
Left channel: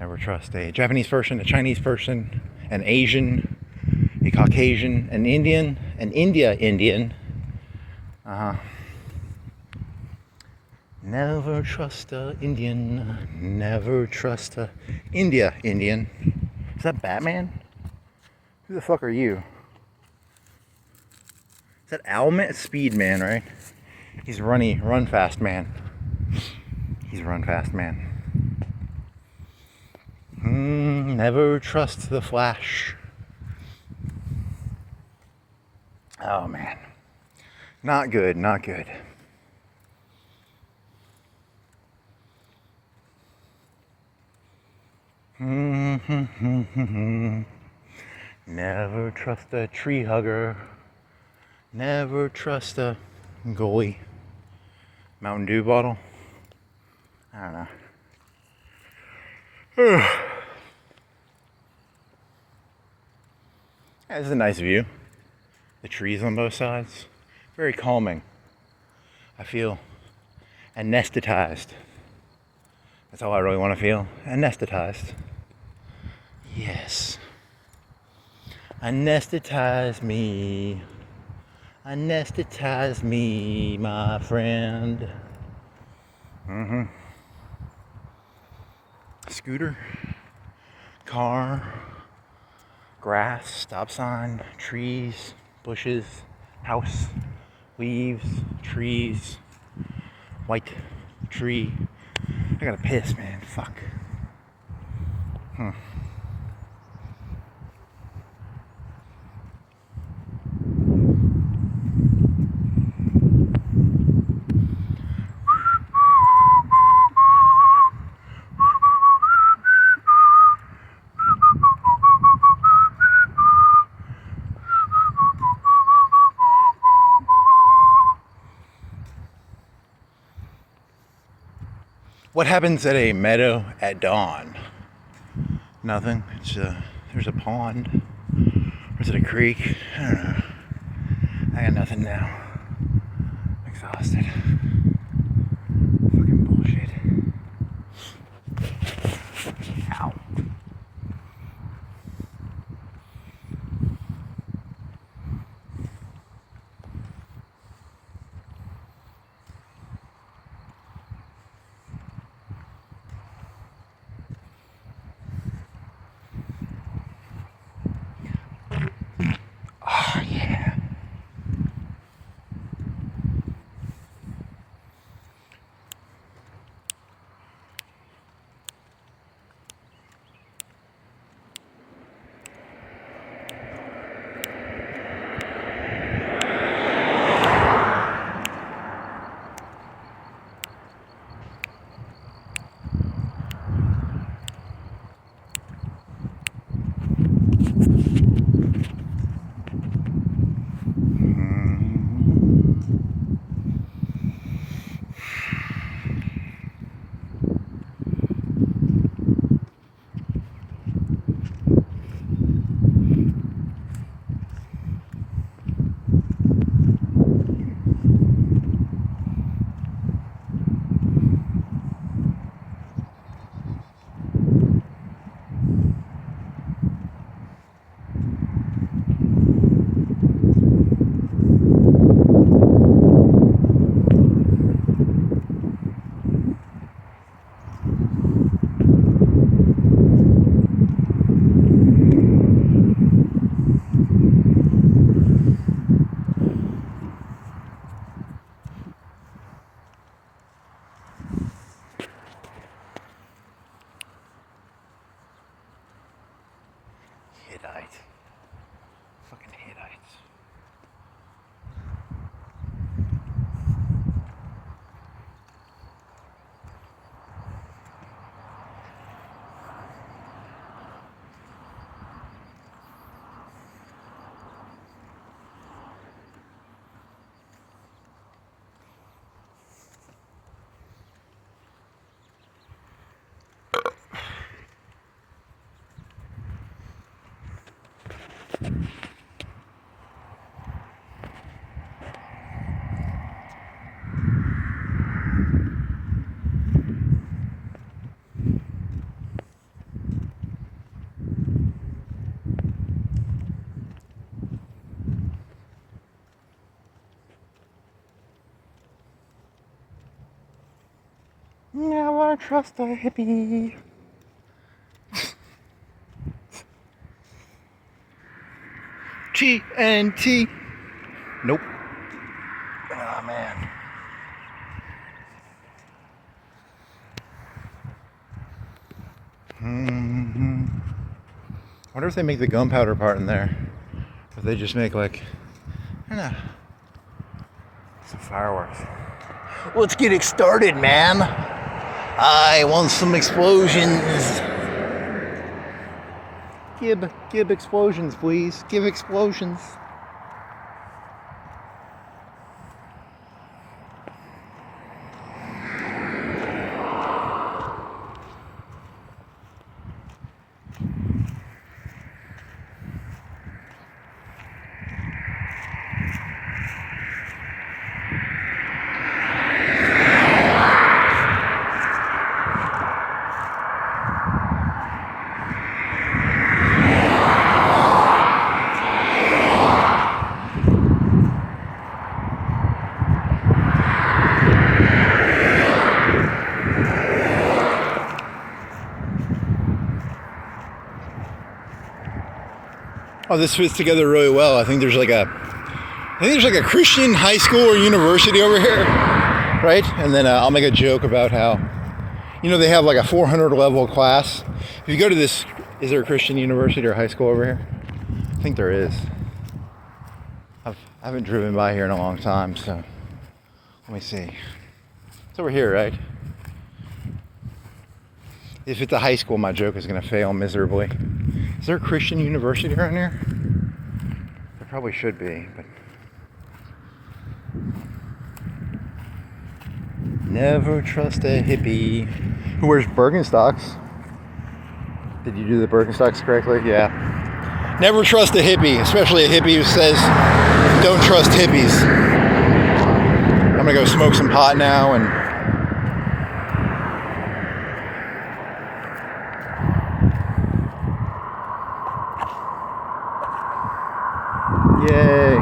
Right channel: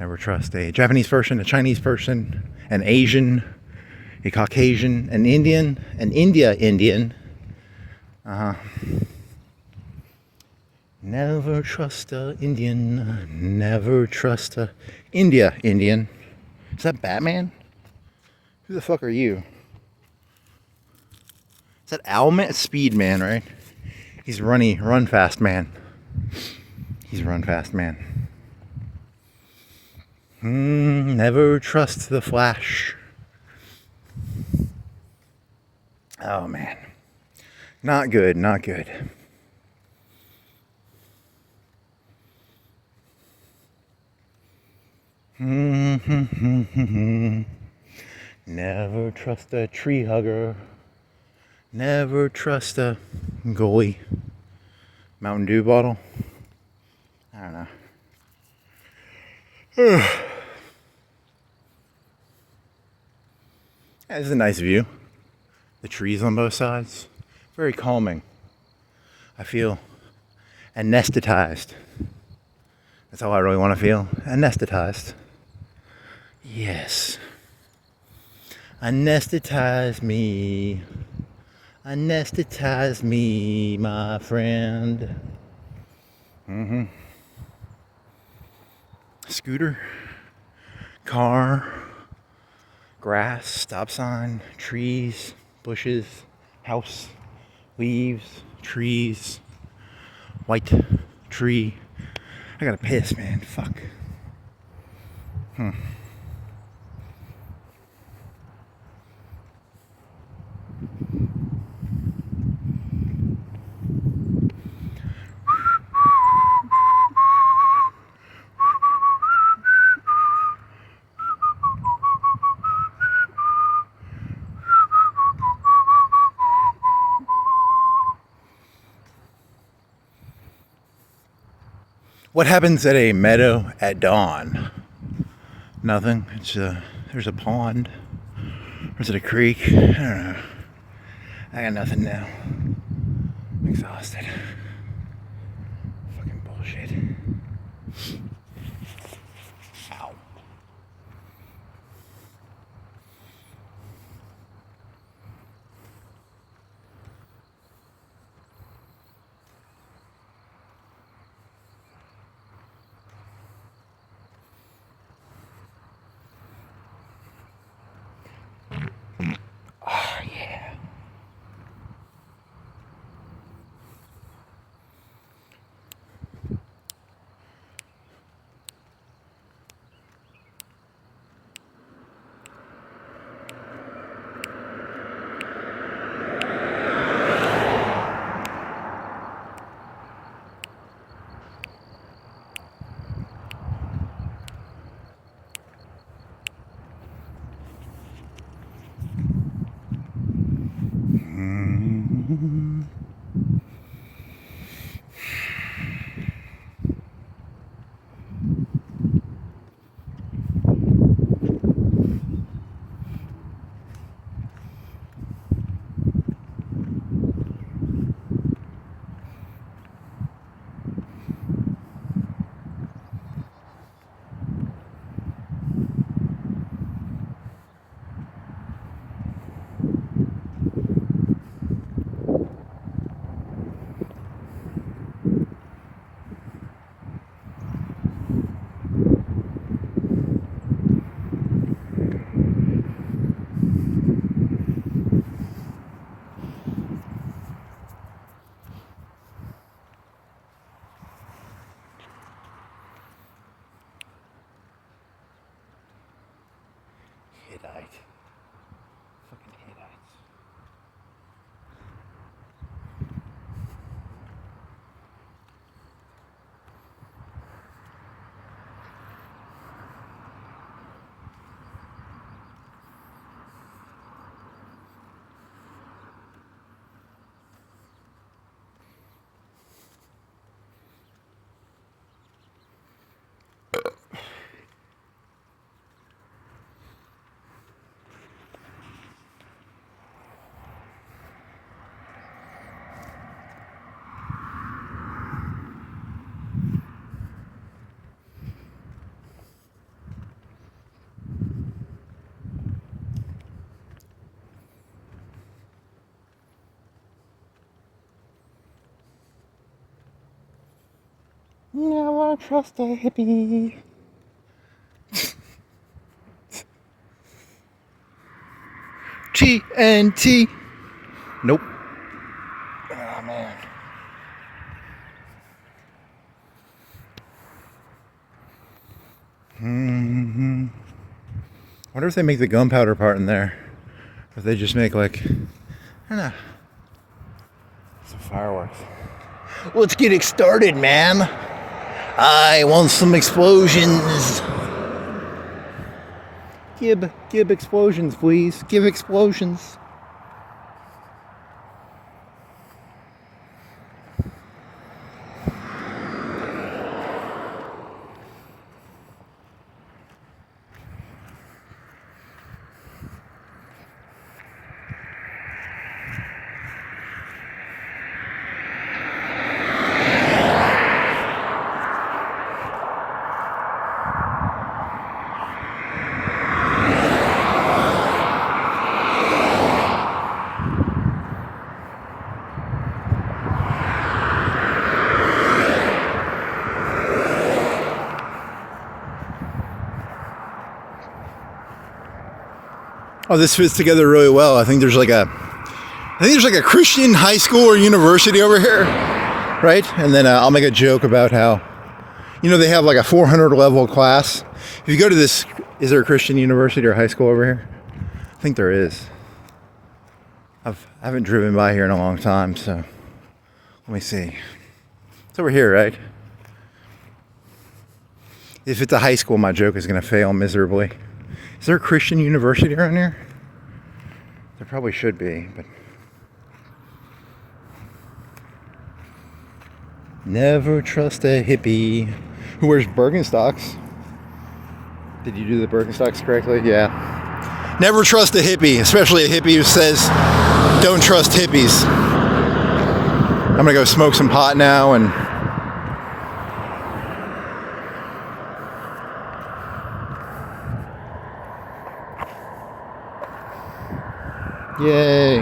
Never trust a Japanese person, a Chinese person, an Asian, a Caucasian, an Indian, an Indian. Never trust a Indian. Never trust a Indian. Is that Batman? Who the fuck are you? Is that Owlman? It's Speed Man, right? He's run fast man. He's run fast man. Never trust the Flash. Oh man. Not good, not good. Never trust a tree hugger. Never trust a goalie. Mountain Dew bottle. I don't know. Yeah, this is a nice view. The trees on both sides. Very calming. I feel anesthetized. That's all I really want to feel. Anesthetized. Yes. Anesthetize me. Anesthetize me, my friend. Scooter. Car. Grass. Stop sign. Trees. Bushes. House. Leaves. Trees. White tree. I gotta piss, man. Fuck. What happens at a meadow at dawn? Nothing. It's there's a pond. Or is it a creek? I don't know. I got nothing now. I'm exhausted. Fucking bullshit. Ow. Oh, yeah. Never trust a hippie. TNT. Nope. Oh, man. I wonder if they make the gunpowder part in there. If they just make like, I don't know, some fireworks. Let's get it started, man. I want some explosions. Give explosions, please. Give explosions. Oh, this fits together really well. I think there's like a Christian high school or university over here, right? And then I'll make a joke about how, you know, they have like a 400 level class. If you go to this, is there a Christian university or high school over here? I think there is. I haven't driven by here in a long time, so let me see. It's over here, right? If it's a high school, my joke is going to fail miserably. Is there a Christian university around here? There probably should be, but... Never trust a hippie who wears Birkenstocks. Did you do the Birkenstocks correctly? Yeah. Never trust a hippie, especially a hippie who says, don't trust hippies. I'm going to go smoke some pot now and... Yay.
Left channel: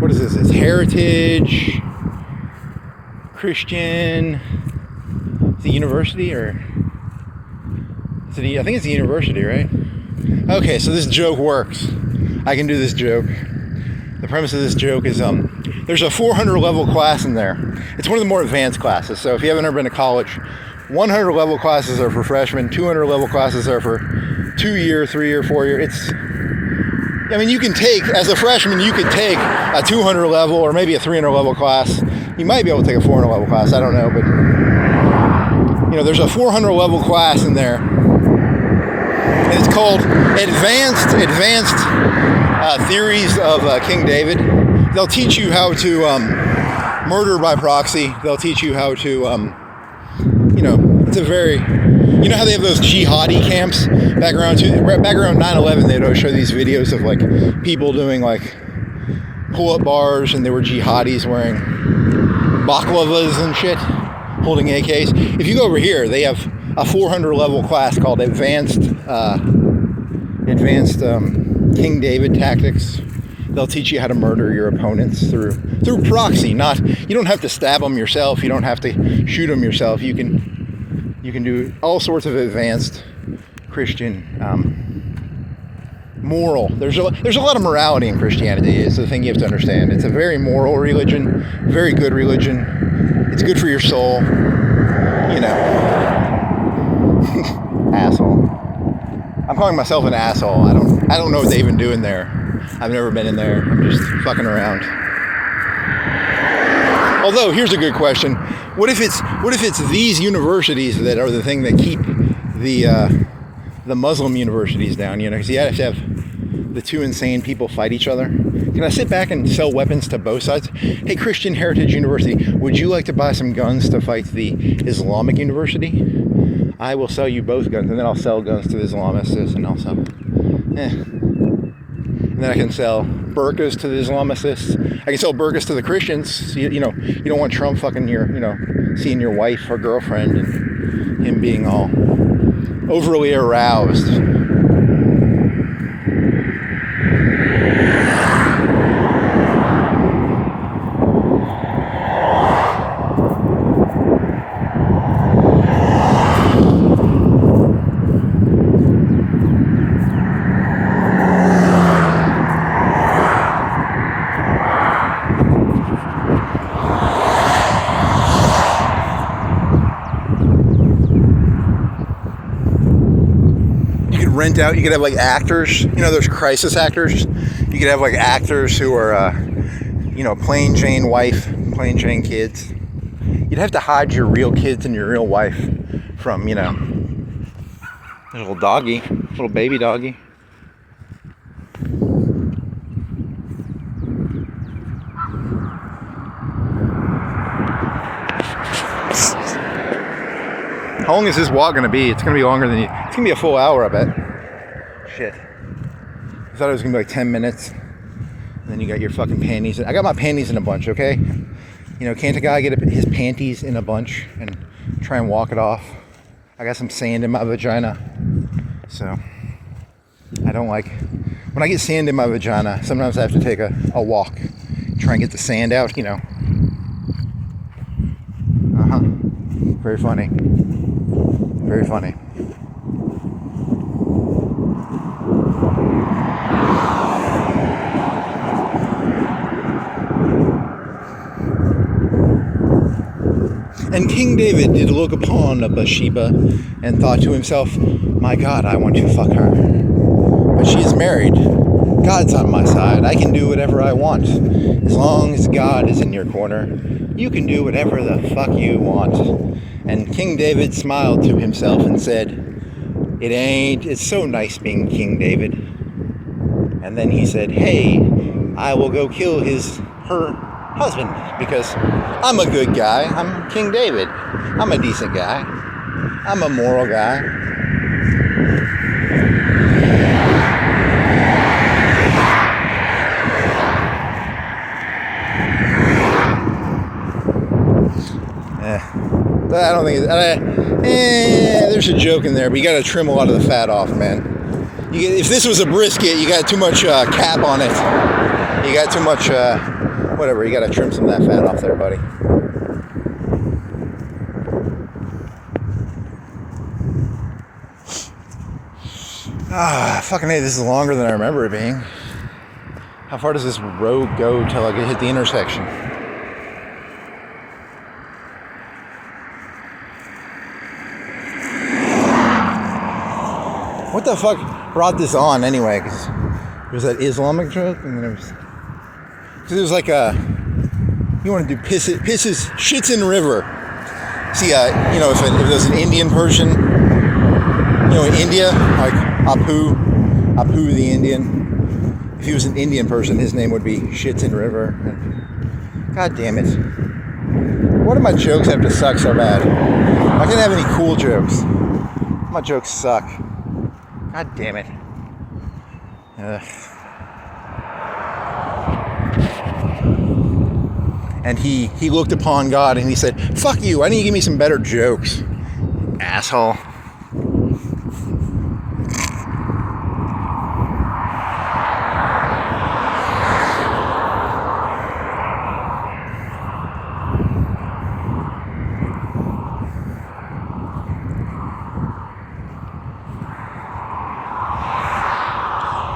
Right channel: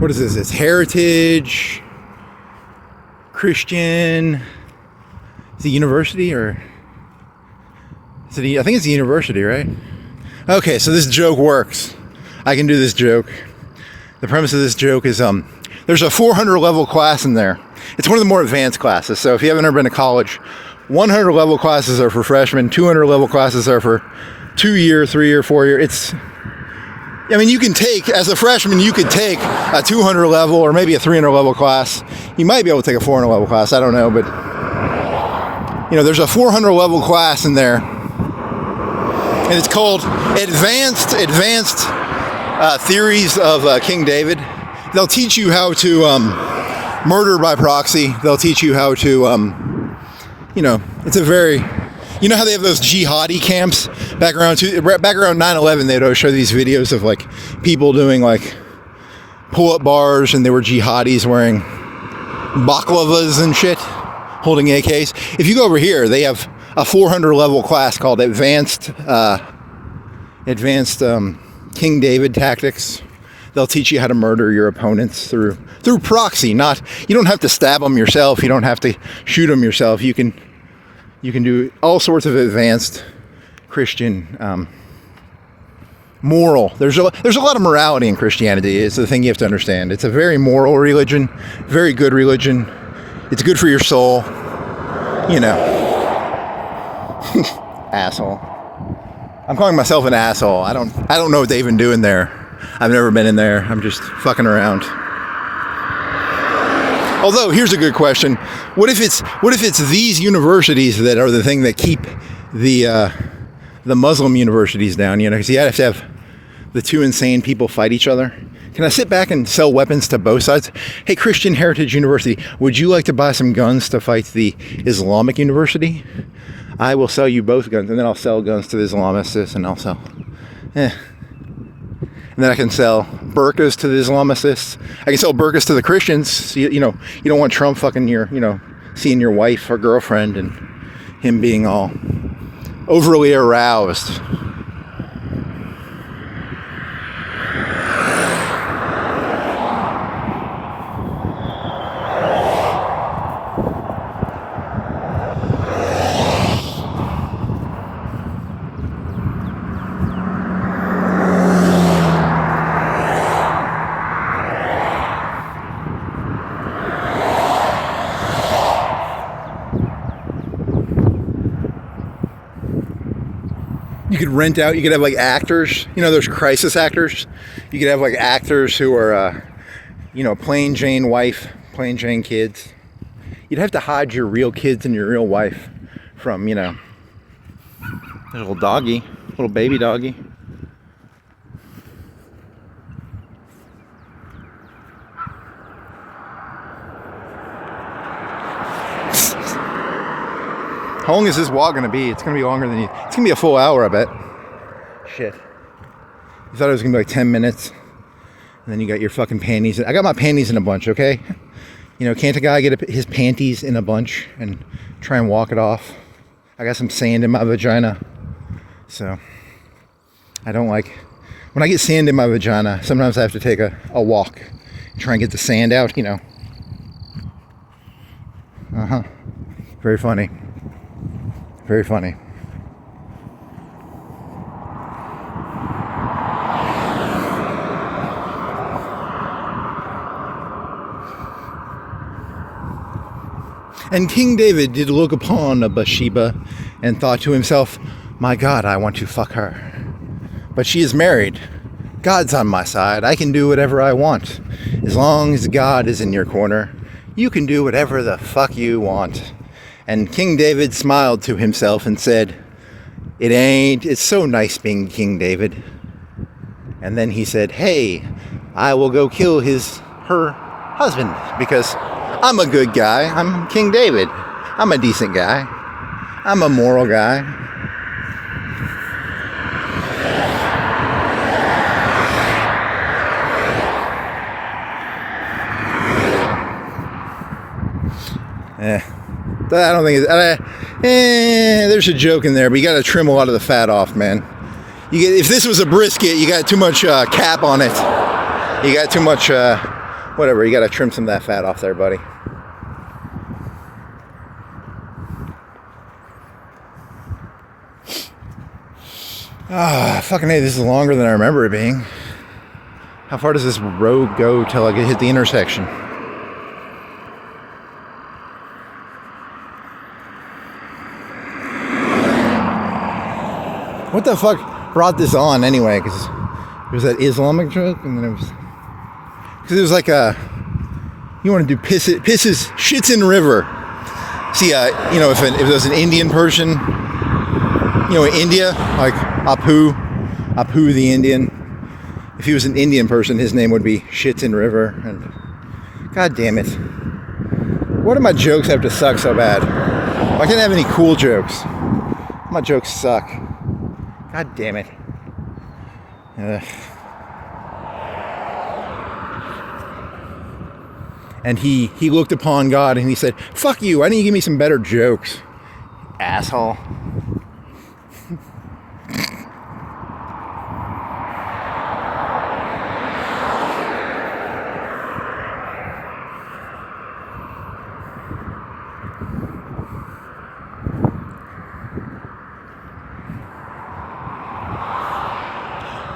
What is this? It's Heritage, Christian. Is it university or... I think it's a university, right? Okay, so this joke works. I can do this joke. The premise of this joke is there's a 400 level class in there. It's one of the more advanced classes. So if you haven't ever been to college, 100 level classes are for freshmen, 200 level classes are for 2-year, 3-year, 4-year. I mean, you can take, as a freshman, you could take a 200 level or maybe a 300 level class. You might be able to take a 400 level class, I don't know, but you know, there's a 400 level class in there. And it's called Advanced Theories of King David. They'll teach you how to murder by proxy. They'll teach you how to, you know, it's a very, you know how they have those jihadi camps? Back around 9/11, they'd always show these videos of like people doing like pull-up bars, and they were jihadis wearing baklavas and shit, holding AKs. If you go over here, they have a 400 level class called Advanced King David Tactics. They'll teach you how to murder your opponents through proxy. You don't have to stab them yourself. You don't have to shoot them yourself. You can do all sorts of advanced Christian moral. There's a lot of morality in Christianity. It's the thing you have to understand. It's a very moral religion, very good religion. It's good for your soul. You know. Asshole. I'm calling myself an asshole. I don't know what they even do in there. I've never been in there. I'm just fucking around. Although, here's a good question. What if it's these universities that are the thing that keep the Muslim universities down? You know, because you have to have the two insane people fight each other. Can I sit back and sell weapons to both sides? Hey, Christian Heritage University, would you like to buy some guns to fight the Islamic University? I will sell you both guns, and then I'll sell guns to the Islamists, and I'll sell. and then I can sell burqas to the Islamists. I can sell burqas to the Christians. So you know, you don't want Trump fucking seeing your wife or girlfriend and him being all overly aroused. You could rent out, you could have like actors, there's crisis actors. You could have like actors who are, plain Jane wife, plain Jane kids. You'd have to hide your real kids and your real wife from, there's a little doggy, little baby doggy. How long is this walk gonna be? It's gonna be longer than it's gonna be a full hour, I bet. Shit. I thought it was gonna be like 10 minutes. And then you got your fucking panties. I got my panties in a bunch, okay? Can't a guy get his panties in a bunch and try and walk it off? I got some sand in my vagina. So, I don't like... When I get sand in my vagina, sometimes I have to take a walk. Try and get the sand out, Very funny. Very funny. And King David did look upon Bathsheba and thought to himself, my God, I want to fuck her. But she is married. God's on my side. I can do whatever I want. As long as God is in your corner, you can do whatever the fuck you want. And King David smiled to himself and said, it's so nice being King David. And then he said, hey, I will go kill her husband because I'm a good guy. I'm King David. I'm a decent guy. I'm a moral guy. I don't think there's a joke in there, but you got to trim a lot of the fat off, man. If this was a brisket, you got too much cap on it. You got too much, whatever. You got to trim some of that fat off there, buddy. Fucking hey, this is longer than I remember it being. How far does this road go till I hit the intersection? What the fuck brought this on anyway? Because it was that Islamic joke, and then it was like you want to do shits in river. See, if it was an Indian person, in India, like Apu the Indian. If he was an Indian person, his name would be Shits in River. And God damn it! Why do my jokes have to suck so bad? I can't have any cool jokes. My jokes suck. God damn it. And he looked upon God and he said, fuck you, why don't you give me some better jokes, asshole.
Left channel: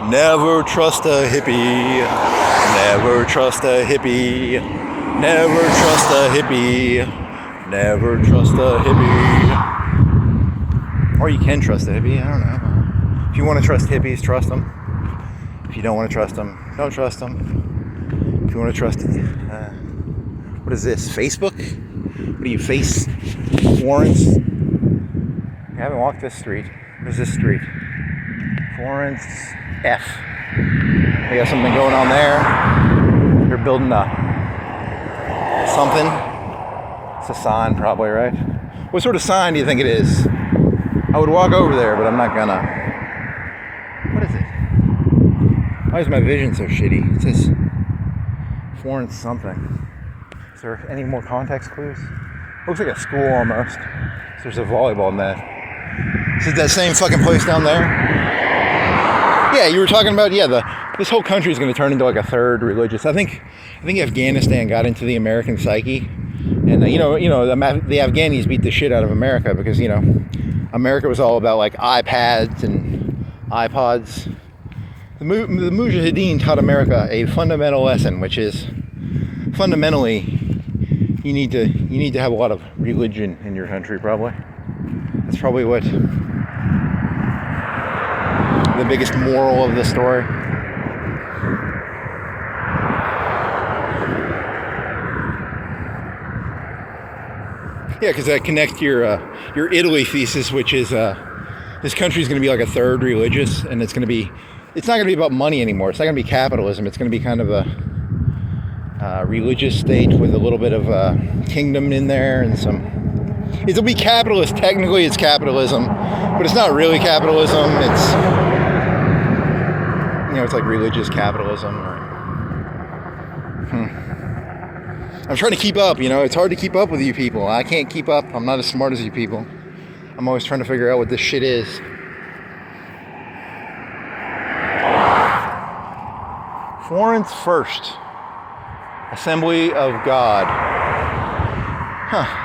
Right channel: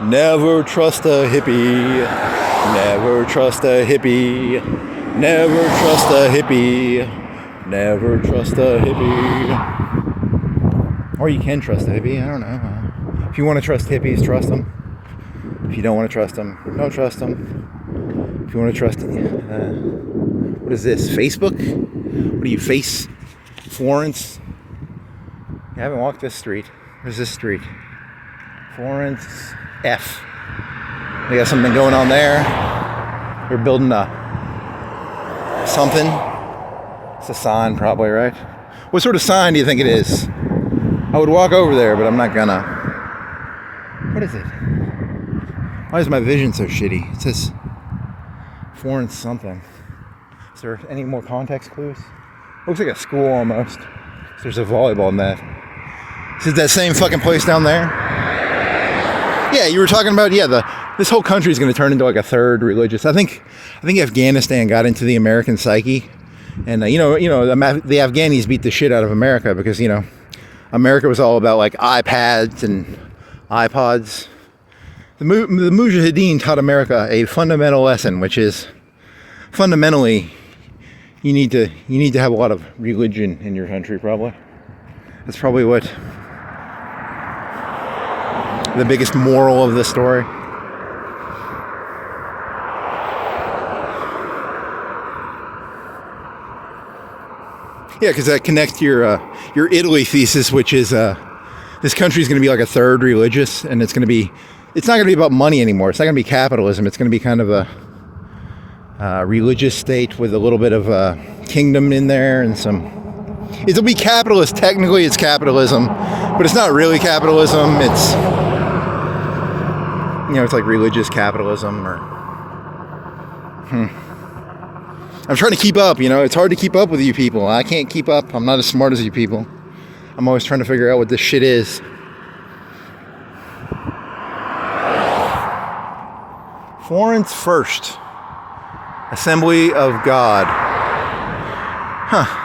Never trust a hippie. Never trust a hippie. Never trust a hippie. Never trust a hippie. Or you can trust a hippie, I don't know. If you want to trust hippies, trust them. If you don't want to trust them, don't trust them. If you want to trust what is this, Facebook? What do you face? Florence? I haven't walked this street. Where's this street? Florence F. They got something going on there. They're building something. It's a sign, probably, right? What sort of sign do you think it is? I would walk over there, but I'm not gonna. What is it? Why is my vision so shitty? It says foreign something. Is there any more context clues? Looks like a school almost. There's a volleyball net. Is it that same fucking place down there? Yeah, you were talking about, this whole country is going to turn into like a third religious. I think Afghanistan got into the American psyche. And, the Afghanis beat the shit out of America because, America was all about like iPads and iPods. The Mujahideen taught America a fundamental lesson, which is fundamentally you need to have a lot of religion in your country. Probably that's probably what the biggest moral of the story. Yeah, because that connects your Italy thesis, which is this country is going to be like a third religious, and it's not going to be about money anymore. It's not going to be capitalism. It's going to be kind of a religious state with a little bit of kingdom in there and some. It'll be capitalist. Technically, it's capitalism, but it's not really capitalism. It's it's like religious capitalism. I'm trying to keep up. It's hard to keep up with you people. I can't keep up. I'm not as smart as you people. I'm always trying to figure out what this shit is. Florence First Assembly of God. Huh.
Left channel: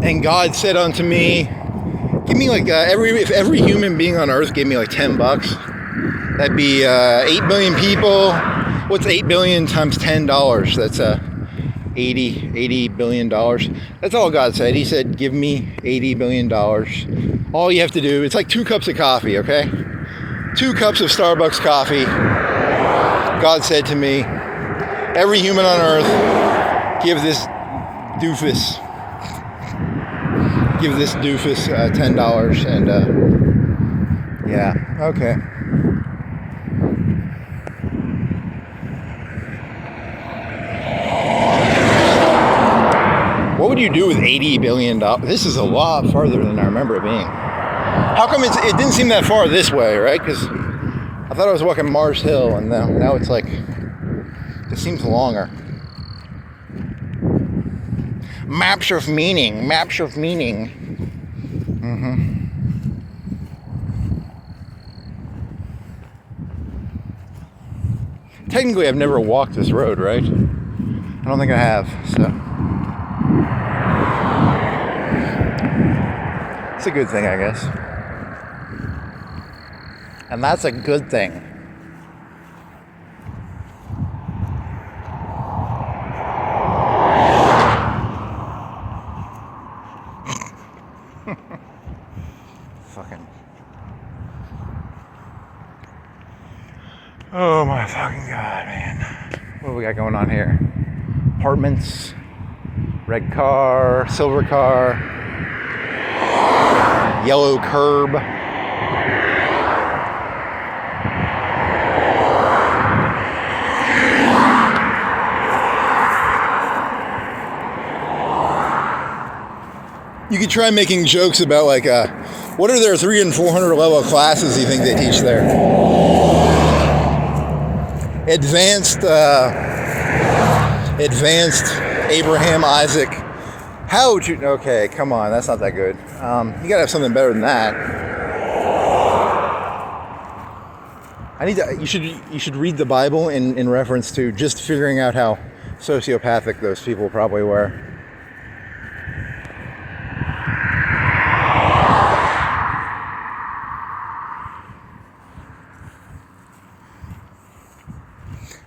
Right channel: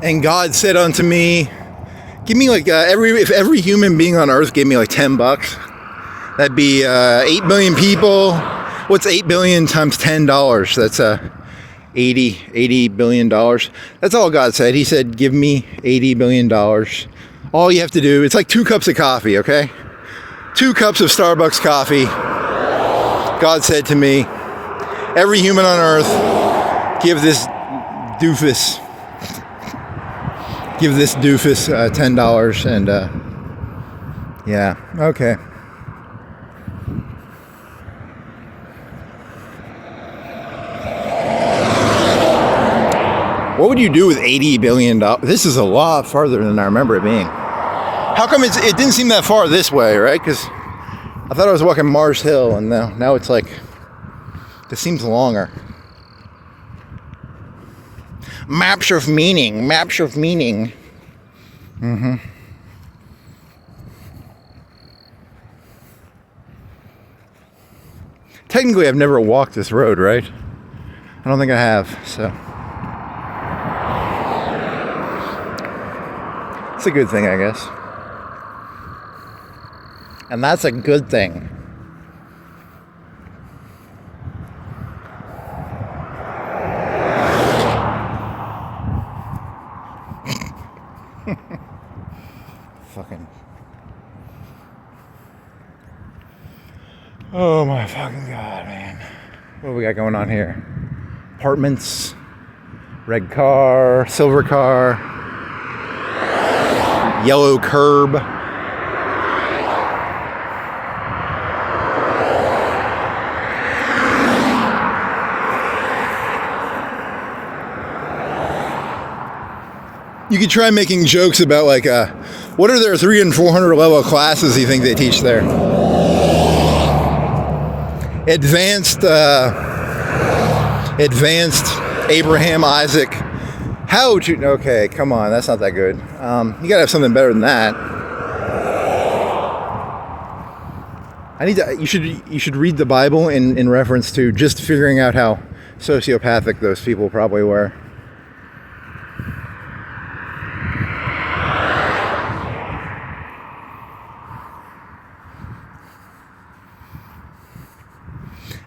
And God said unto me, give me like if every human being on earth gave me like $10, that'd be 8 billion people. What's 8 billion times $10? That's $80 billion. That's all God said. He said, give me $80 billion. All you have to do, it's like 2 cups of coffee, okay? 2 cups of Starbucks coffee. God said to me, every human on earth, give this doofus $10 and okay. What would you do with $80 billion? This is a lot farther than I remember it being. How come it didn't seem that far this way, right? Because I thought I was walking Mars Hill, and now it's like, it seems longer. Maps of meaning. Technically, I've never walked this road, right? I don't think I have, so. It's a good thing, I guess. And that's a good thing. Fucking. Oh my fucking God, man. What do we got going on here? Apartments, red car, silver car, yellow curb. You could try making jokes about like, what are their 300 and 400 level classes you think they teach there? Advanced Abraham, Isaac. How to, okay, come on, that's not that good. You gotta have something better than that. You should read the Bible in reference to just figuring out how sociopathic those people probably were.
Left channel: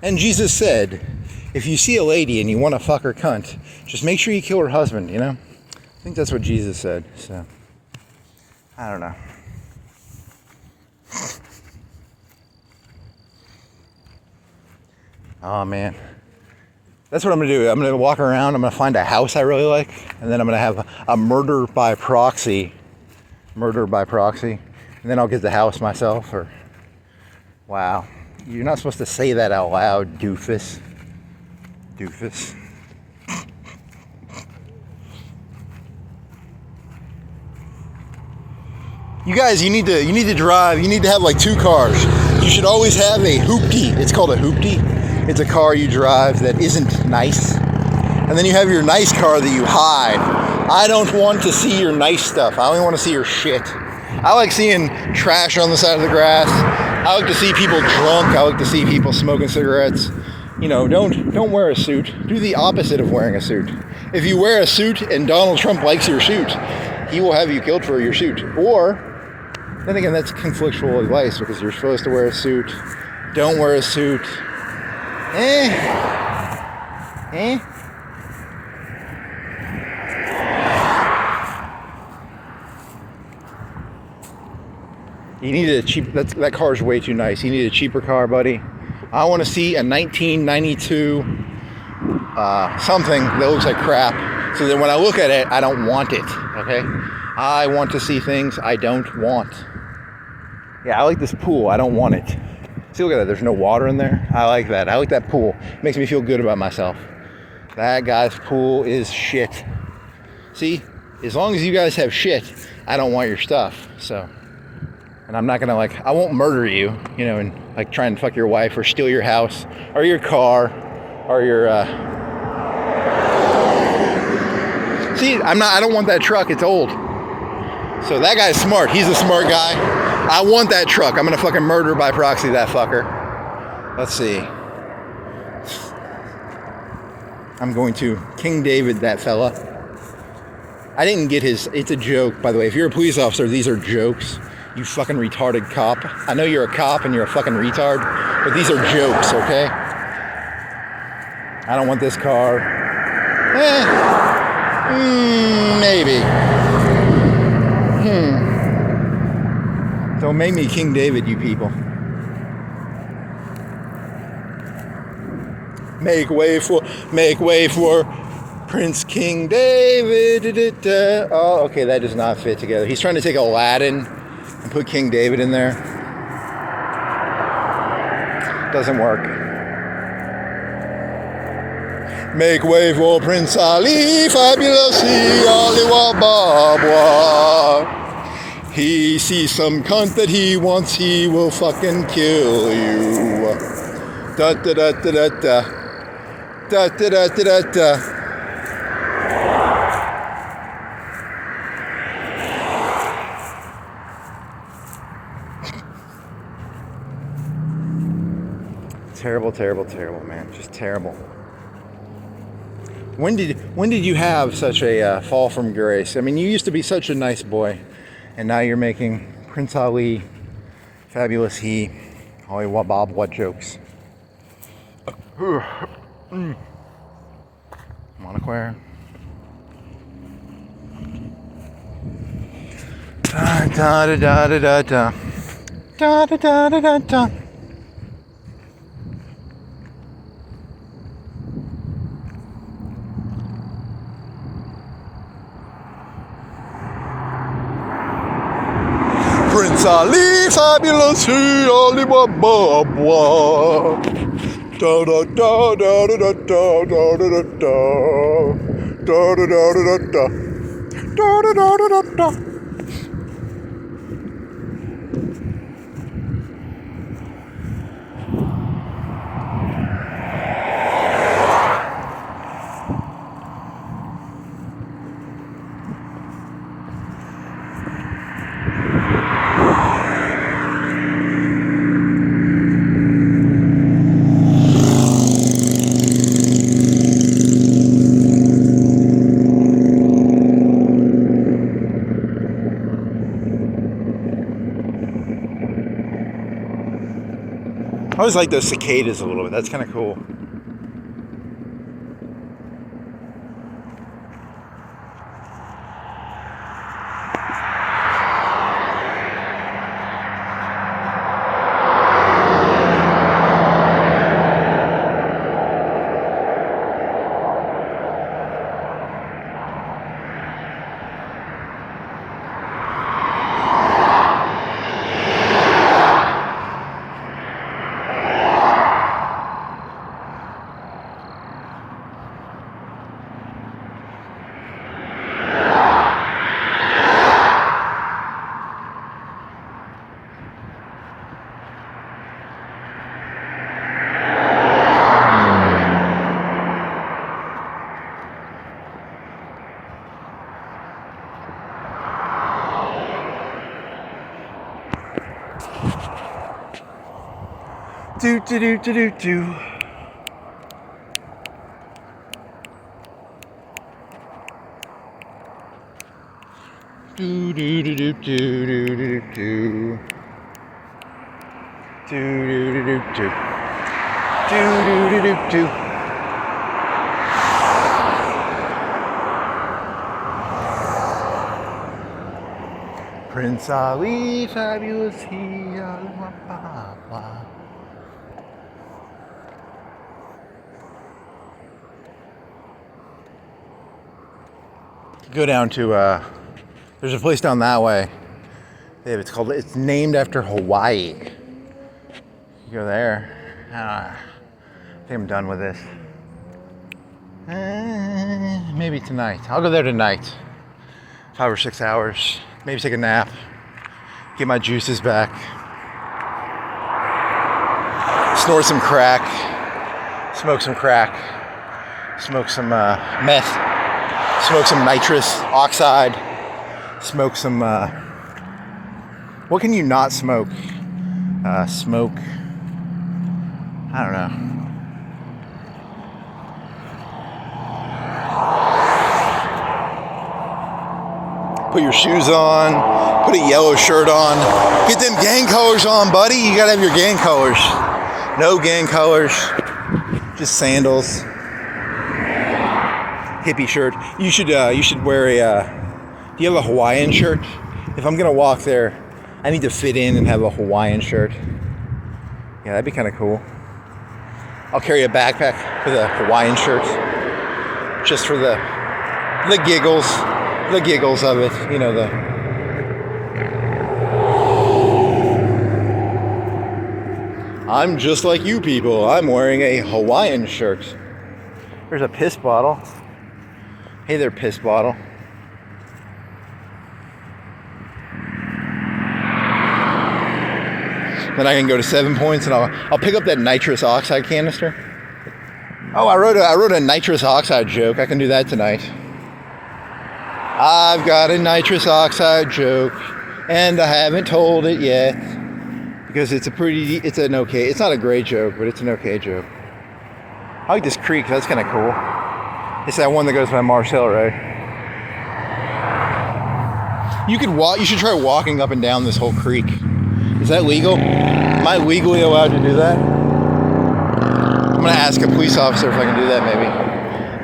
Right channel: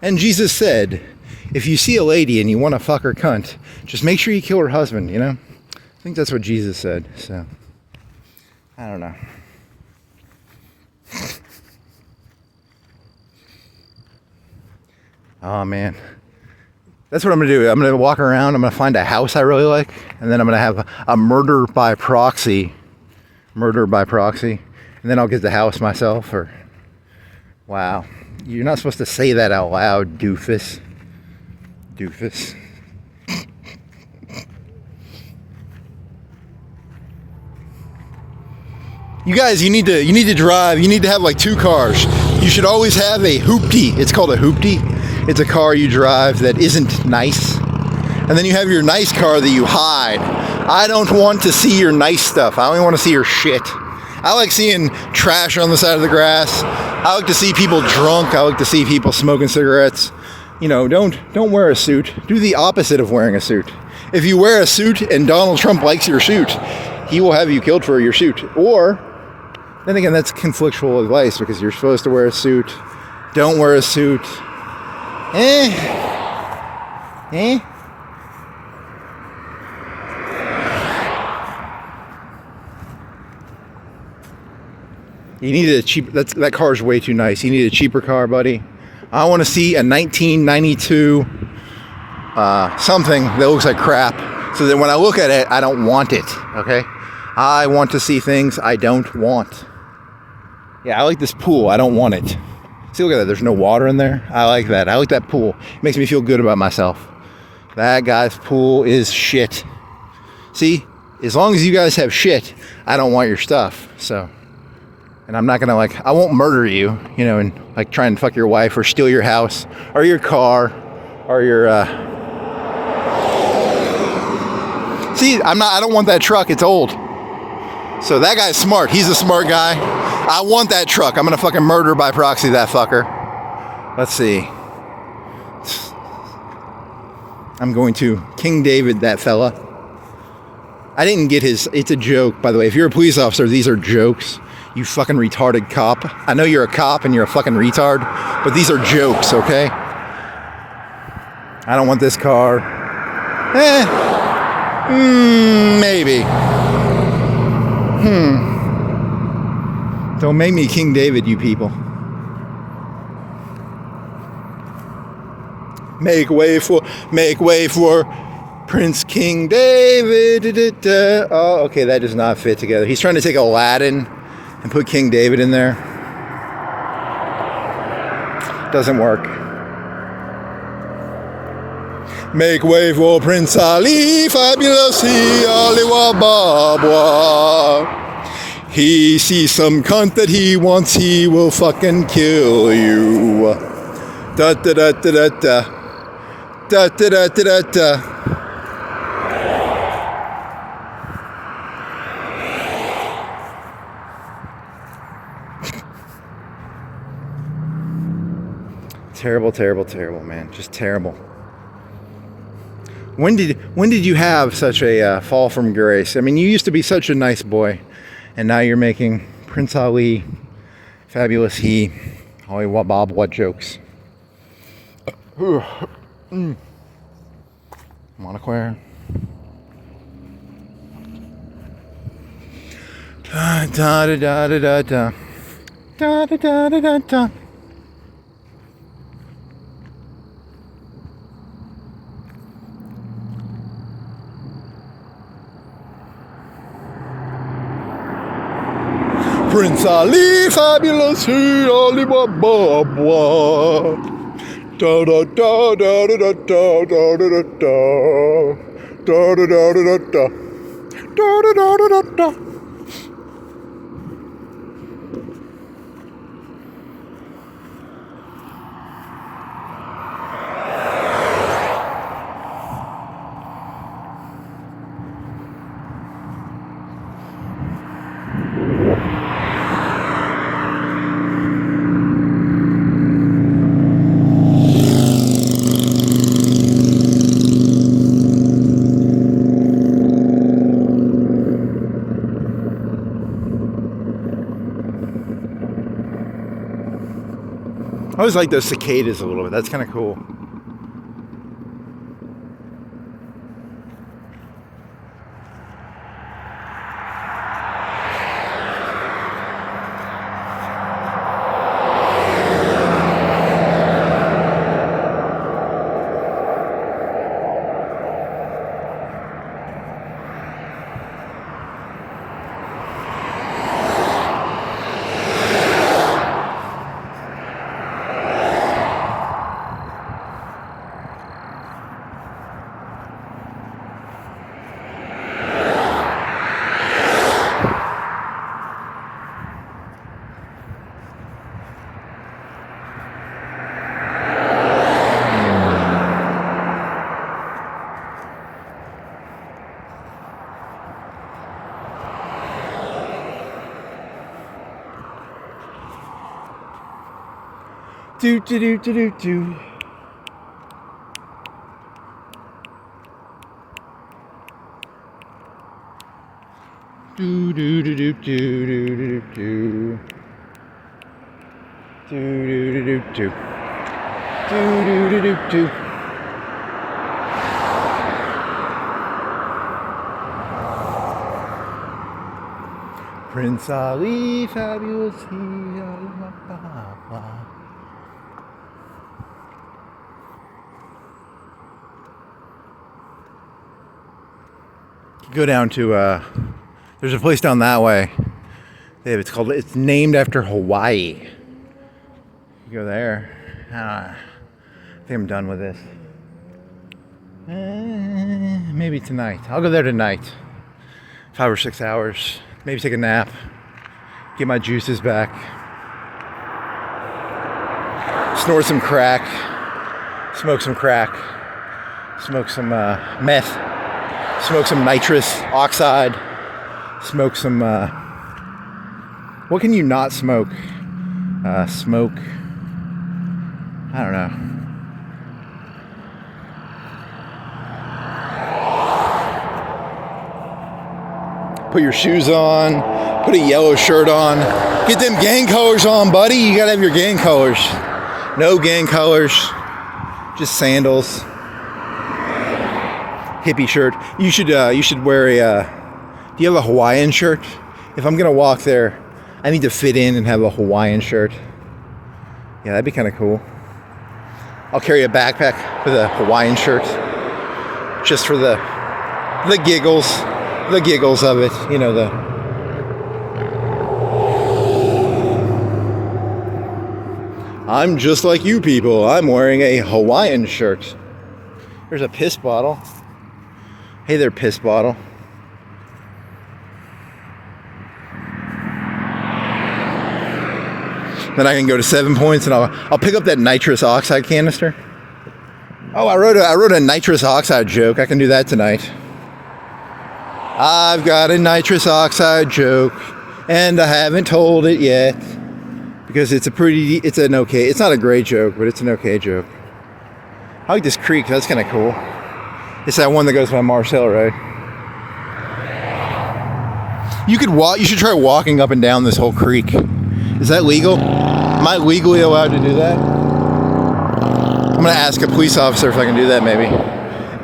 And Jesus said, if you see a lady and you want to fuck her cunt, just make sure you kill her husband, I think that's what Jesus said, so. I don't know. Oh, man. That's what I'm going to do. I'm going to walk around, I'm going to find a house I really like, and then I'm going to have a murder by proxy, and then I'll get the house myself, or... Wow. You're not supposed to say that out loud, doofus. You guys, you need to drive. You need to have like 2 cars. You should always have a hoopty. It's called a hoopty. It's a car you drive that isn't nice. And then you have your nice car that you hide. I don't want to see your nice stuff. I only want to see your shit. I like seeing trash on the side of the grass. I like to see people drunk. I like to see people smoking cigarettes. You know, don't wear a suit. Do the opposite of wearing a suit. If you wear a suit and Donald Trump likes your suit, he will have you killed for your suit. Or, then again, that's conflictual advice because you're supposed to wear a suit. Don't wear a suit. You need a cheap, that car's way too nice. You need a cheaper car, buddy. I want to see a 1992 something that looks like crap, so that when I look at it, I don't want it, okay? I want to see things I don't want. Yeah, I like this pool. I don't want it. See, look at that. There's no water in there. I like that. I like that pool. It makes me feel good about myself. That guy's pool is shit. See, as long as you guys have shit, I don't want your stuff, so... And I'm not gonna I won't murder you, you know, and like try and fuck your wife or steal your house or your car or your, See, I don't want that truck, it's old. So that guy's smart, he's a smart guy. I want that truck, I'm gonna fucking murder by proxy that fucker. Let's see. I'm going to King David that fella. I didn't get his, it's a joke, by the way. If you're a police officer, these are jokes. You fucking retarded cop. I know you're a cop and you're a fucking retard, but these are jokes, okay? I don't want this car. Maybe. Don't make me King David, you people. Make way for Prince King David. Oh, okay, that does not fit together. He's trying to take Aladdin and put King David in there. Doesn't work. Make way for Prince Ali, fabulous Ali Wababwa. He sees some cunt that he wants, he will fucking kill you. Da da da da da da. Da da da da da da. Terrible, terrible, terrible, man. Just terrible. When did you have such a fall from grace? I mean, you used to be such a nice boy, and now you're making Prince Ali, fabulous he, Ali Wabab, what jokes. Monoquare. Da da da da da da. Da da da da da da. Prince Ali, fabulous he, Ali Baba, da da da da da da da da da da da da da da da da da da da. I always like those cicadas a little bit. That's kind of cool. Do do do do do do. Do do do do do do do do. Do do do do do. Do do do do do. Prince Ali, fabulous he, go down to there's a place down that way. It's named after Hawaii. You go there. I think I'm done with this. Maybe tonight. I'll go there tonight. 5 or 6 hours. Maybe take a nap. Get my juices back. Snort some crack. Smoke some crack. Smoke some meth. Smoke some nitrous oxide. Smoke some... what can you not smoke? Smoke... I don't know. Put your shoes on. Put a yellow shirt on. Get them gang colors on, buddy. You gotta have your gang colors. No gang colors. Just sandals. Hippie shirt. You should wear a... do you have a Hawaiian shirt? If I'm gonna walk there, I need to fit in and have a Hawaiian shirt. Yeah, that'd be kind of cool. I'll carry a backpack with a Hawaiian shirt. Just for the giggles. The giggles of it, you know, I'm just like you people. I'm wearing a Hawaiian shirt. There's a piss bottle. Hey there, piss bottle. Then I can go to 7 Points and I'll pick up that nitrous oxide canister. Oh, I wrote a nitrous oxide joke. I can do that tonight. I've got a nitrous oxide joke, and I haven't told it yet because it's not a great joke, but it's an okay joke. I like this creek. That's kind of cool. It's that one that goes by Mars Hill, right? You should try walking up and down this whole creek. Is that legal? Am I legally allowed to do that? I'm gonna ask a police officer if I can do that, maybe.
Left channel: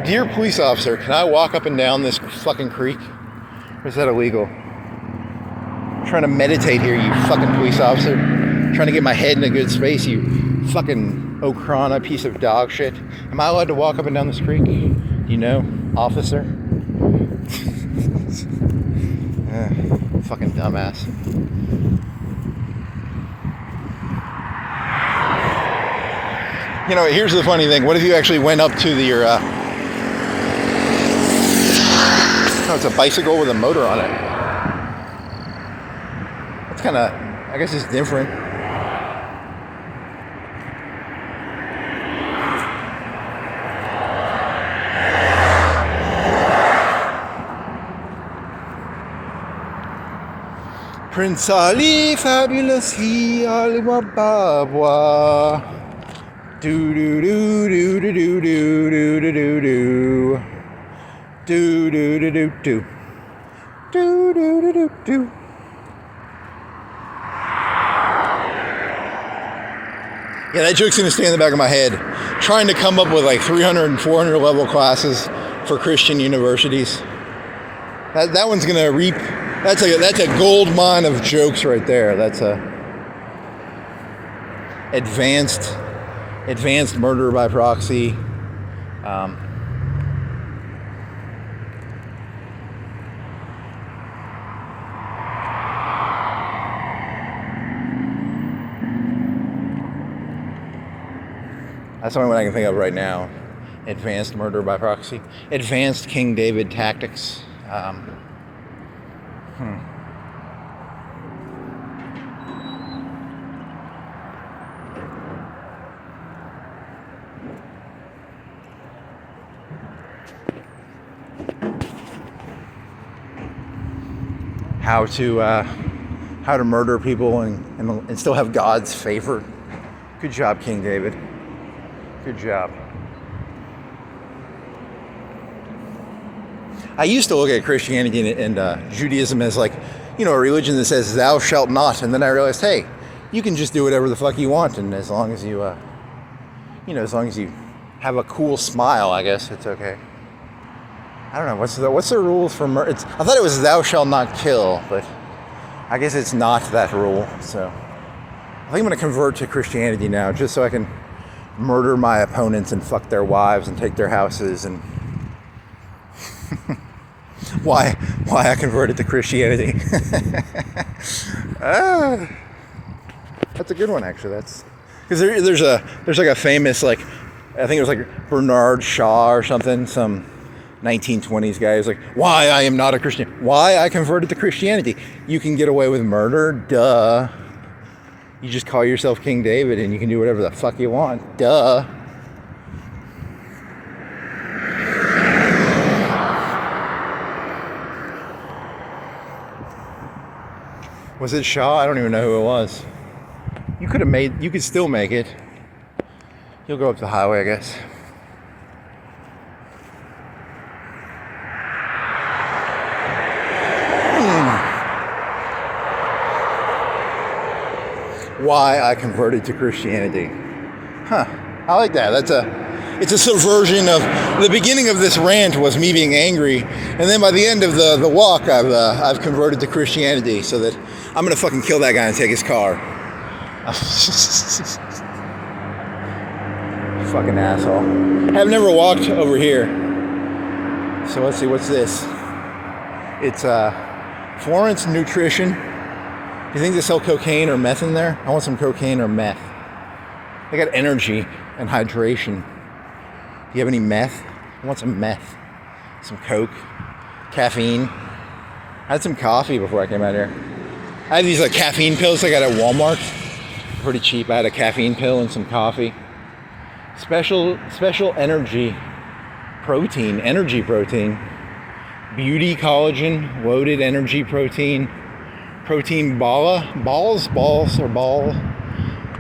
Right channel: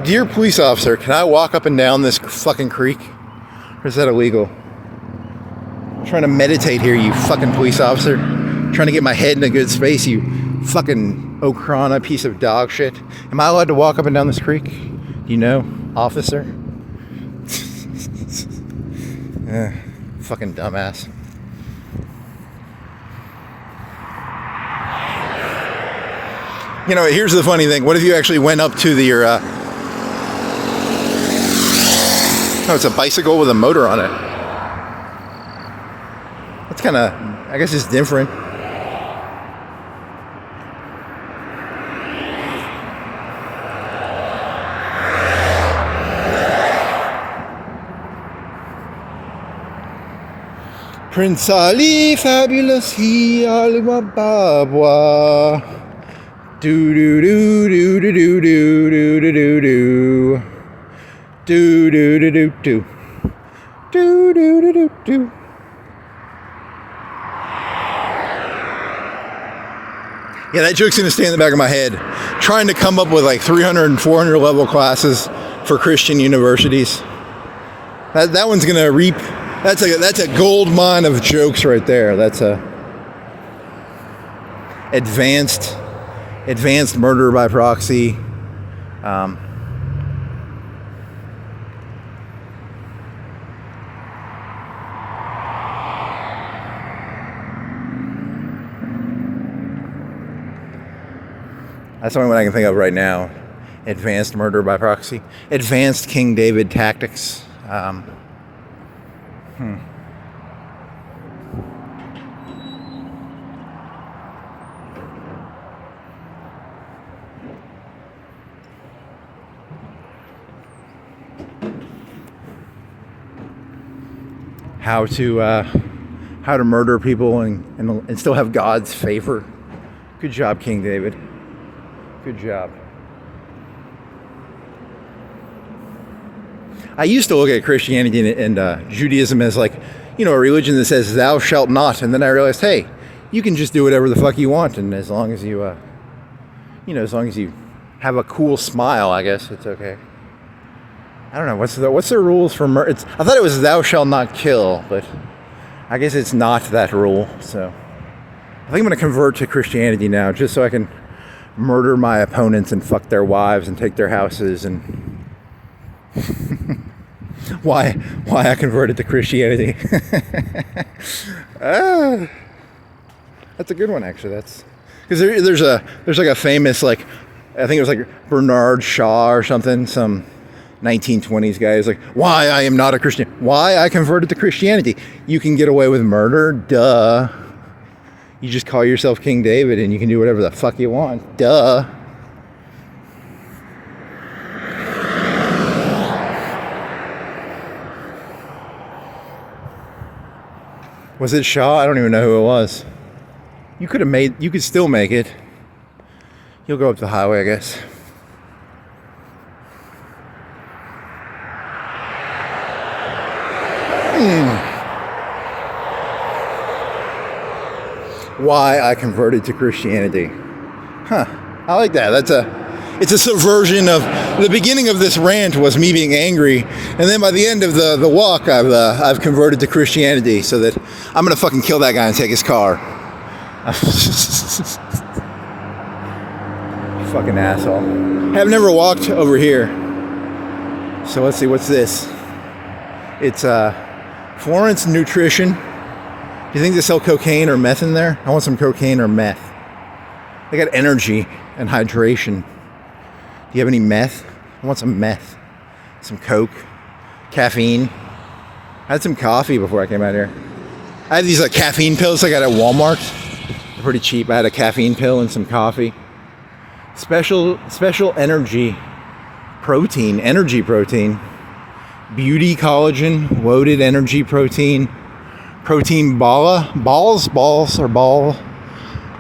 Dear police officer, can I walk up and down this fucking creek? Or is that illegal? I'm trying to meditate here, you fucking police officer. I'm trying to get my head in a good space, you fucking Okrana piece of dog shit. Am I allowed to walk up and down this creek? You know, officer? Fucking dumbass. You know, here's the funny thing. What if you actually went up to your... No, it's a bicycle with a motor on it. That's kind of, I guess it's different. Prince Ali, fabulous he, Alibaba. Do do do do do do do do do do do. Do do do do do. Do do do do do. Yeah, that joke's gonna stay in the back of my head. Trying to come up with like 300 and 400 level classes for Christian universities. That one's gonna reap. That's a gold mine of jokes right there. That's a advanced murder by proxy. That's the only one I can think of right now. Advanced murder by proxy. Advanced King David tactics. How to murder people and still have God's favor. Good job, King David. Good job. I used to look at Christianity and Judaism as like, a religion that says thou shalt not. And then I realized, hey, you can just do whatever the fuck you want. And as long as you, as long as you have a cool smile, I guess it's okay. I don't know. What's the rules for murder? I thought it was thou shalt not kill, but I guess it's not that rule. So I think I'm going to convert to Christianity now just so I can murder my opponents and fuck their wives and take their houses and why I converted to Christianity. That's a good one, actually. That's because there's like a famous, like, I think it was like Bernard Shaw or something, some 1920s guy is like, why I am not a Christian, why I converted to Christianity. You can get away with murder, duh. You just call yourself King David and you can do whatever the fuck you want, duh. Was it Shaw? I don't even know who it was. You could still make it. You'll go up the highway, I guess. Why I converted to Christianity. Huh. I like that. It's a subversion of the beginning of this rant was me being angry, and then by the end of the walk, I've converted to Christianity so that I'm gonna fucking kill that guy and take his car. Fucking asshole. I've never walked over here. So let's see, what's this? It's Florence Nutrition. Do you think they sell cocaine or meth in there? I want some cocaine or meth. They got energy and hydration. Do you have any meth? I want some meth. Some coke. Caffeine. I had some coffee before I came out here. I had these like caffeine pills I got at Walmart. They're pretty cheap. I had a caffeine pill and some coffee. Special energy protein. Energy protein. Beauty collagen. Loaded energy protein. Protein balls or ball.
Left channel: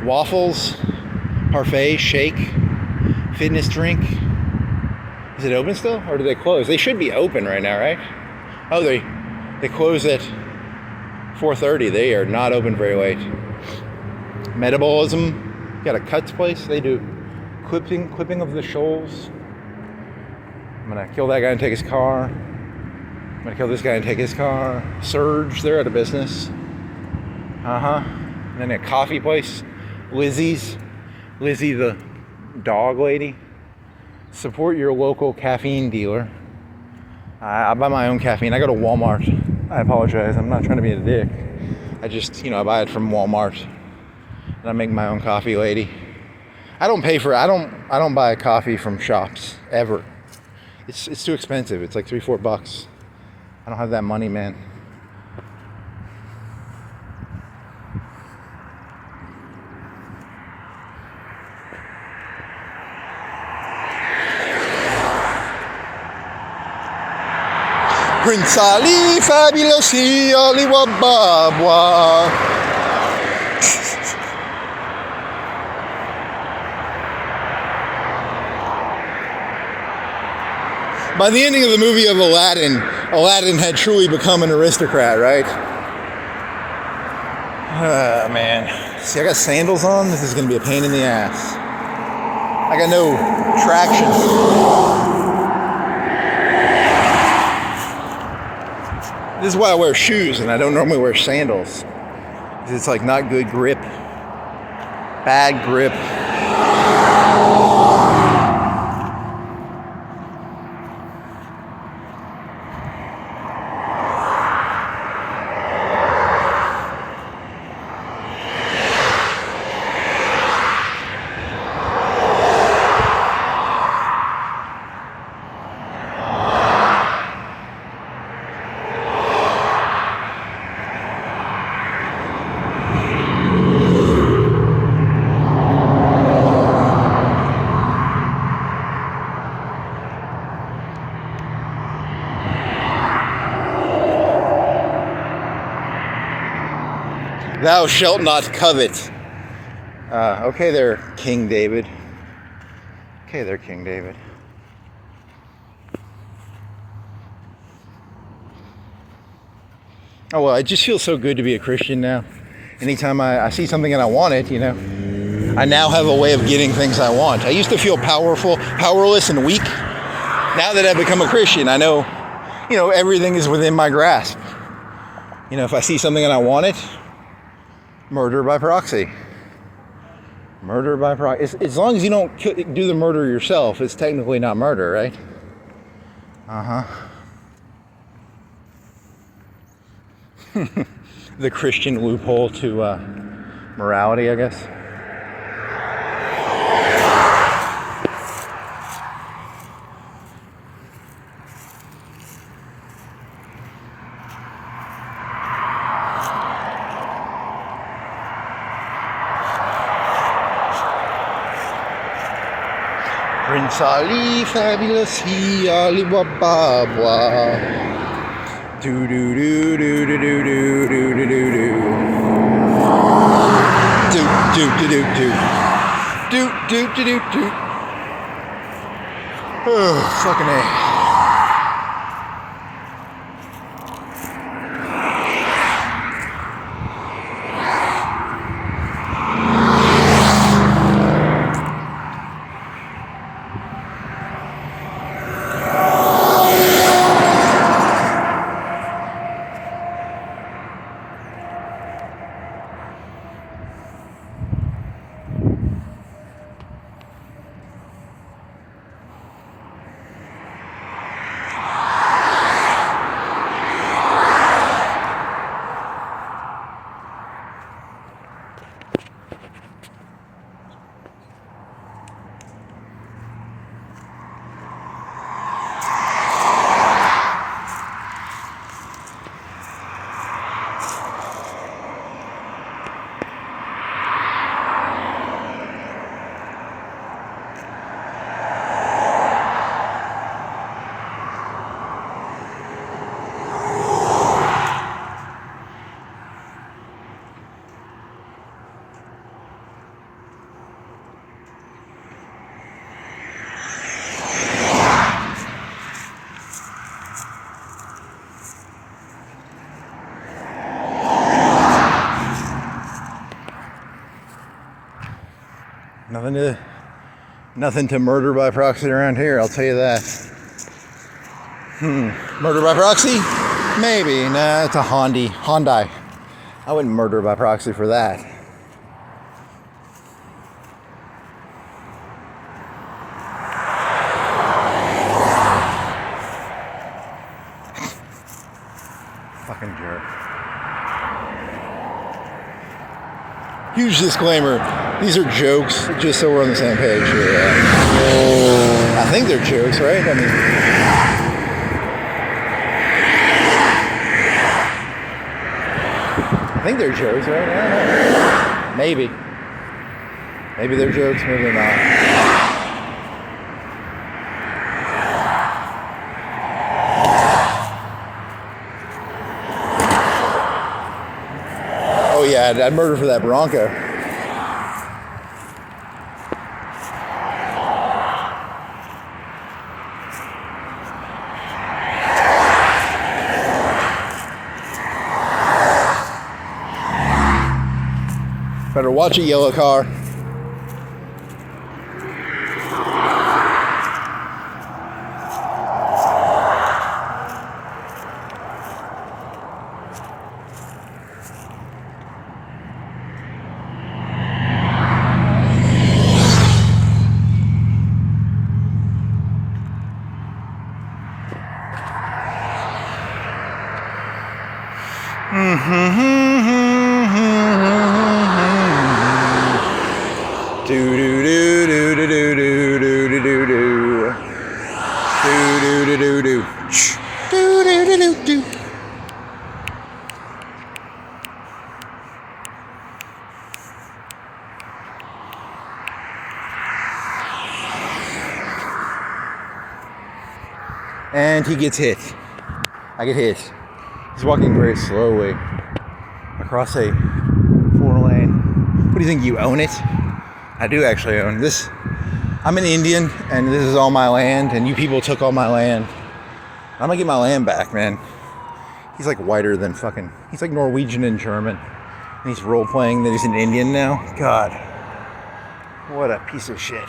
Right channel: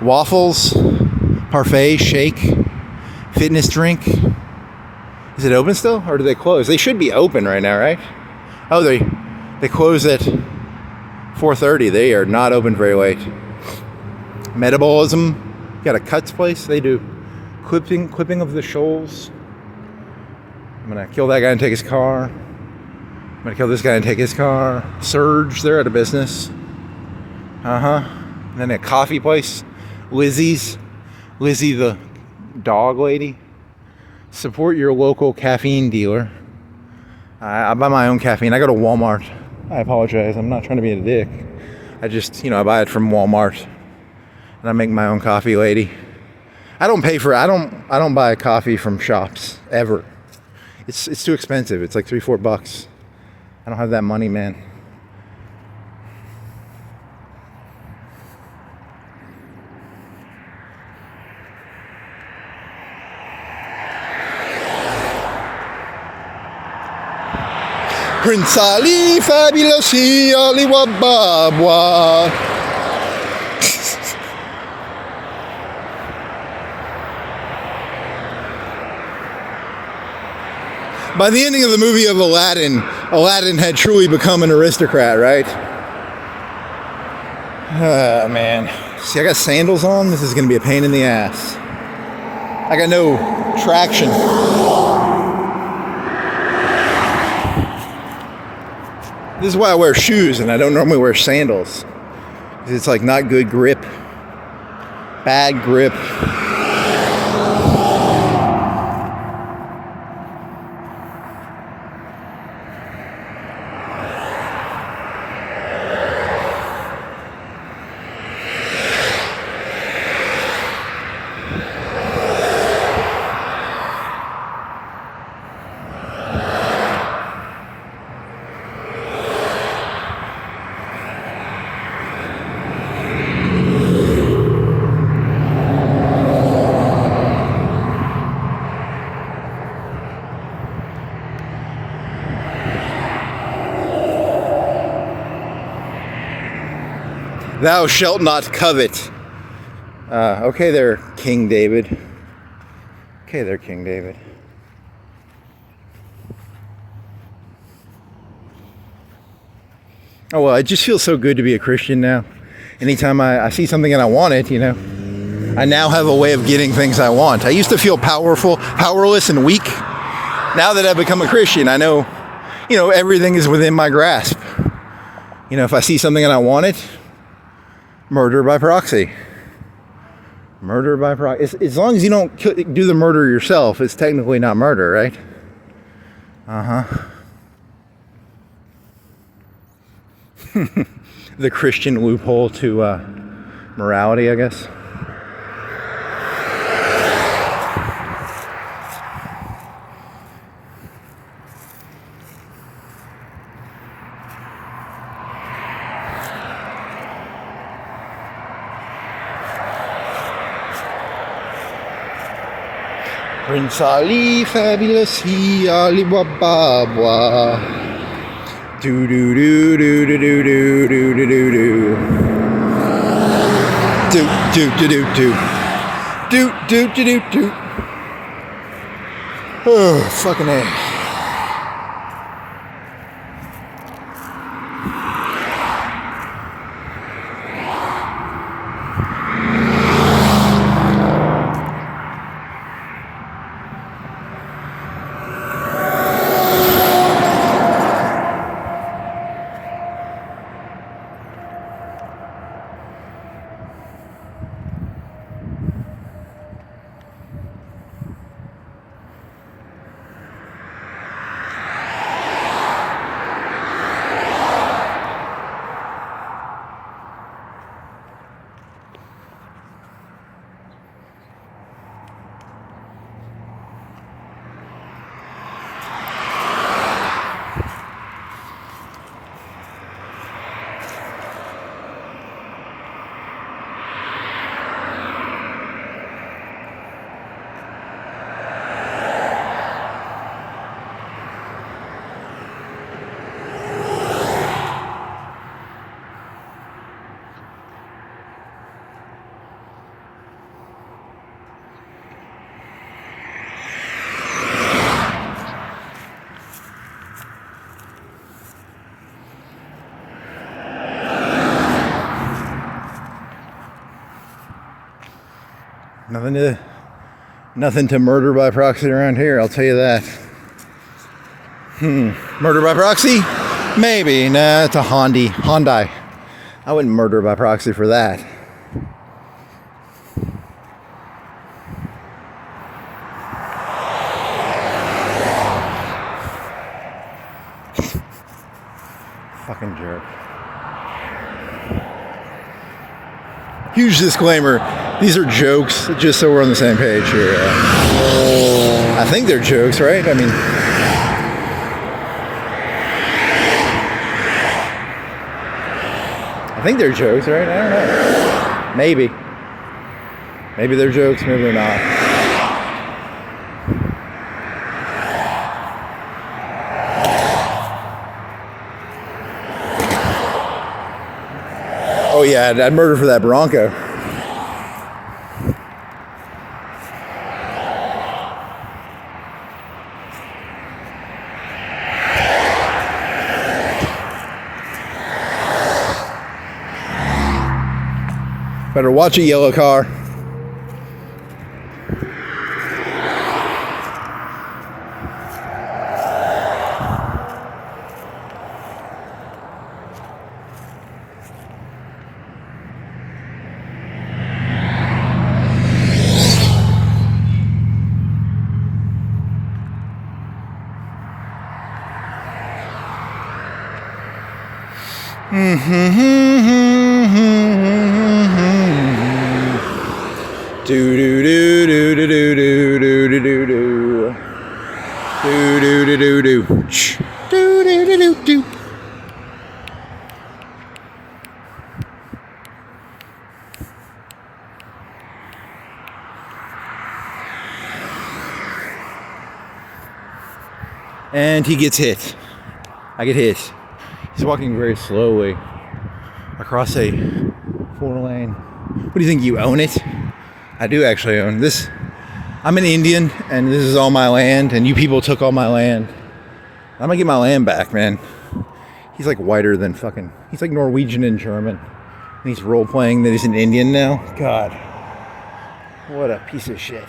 Waffles. Parfait. Shake. Fitness drink. Is it open still or do they close? They should be open right now, right? Oh, they close at 4:30. They are not open very late. Metabolism. Got a cuts place. They do clipping of the shoals. I'm gonna kill that guy and take his car. I'm gonna kill this guy and take his car. Surge, they're out of business. And then a coffee place. Lizzie the dog lady. Support your local caffeine dealer. I buy my own caffeine. I go to Walmart. I apologize. I'm not trying to be a dick. I just, I buy it from Walmart. And I make my own coffee lady. I don't buy coffee from shops ever. It's too expensive. It's like $3-4. I don't have that money, man. Prince Ali, fabulous, Ali Wababwa. By the ending of the movie of Aladdin had truly become an aristocrat, right? Oh, man. See, I got sandals on. This is going to be a pain in the ass. I got no traction. This is why I wear shoes and I don't normally wear sandals. It's like not good grip. Bad grip. Thou shalt not covet. Okay there, King David. Okay there, King David. Oh, well, it just feels so good to be a Christian now. Anytime I see something and I want it, you know, I now have a way of getting things I want. I used to feel powerless and weak. Now that I've become a Christian, I know, you know, everything is within my grasp. You know, if I see something and I want it, murder by proxy. Murder by proxy. As long as you don't do the murder yourself, it's technically not murder, right? The Christian loophole to morality, I guess. Prince Ali, fabulous he, Ali Baba. Do do do do do do do do do do do do do do do do do do do. Oh, fucking A. Nothing to murder by proxy around here, I'll tell you that. Murder by proxy? Maybe. Nah, it's a Hyundai. I wouldn't murder by proxy for that. Fucking jerk. Huge disclaimer. These are jokes, just so we're on the same page here. I think they're jokes, right? I mean, I think they're jokes, right? Maybe. Maybe they're jokes, maybe they're not. Oh yeah, I'd murder for that Bronco. Better watch a yellow car. Do do do do do do do do do do do do do do do do do do do. And he gets hit. I get hit. He's walking very slowly across a 4-lane. What do you think? You own it? I do actually own this. I'm an Indian, and this is all my land, and you people took all my land. I'm gonna get my land back, man. He's like whiter than fucking... He's like Norwegian and German. And he's role-playing that he's an Indian now. God. What a piece of shit.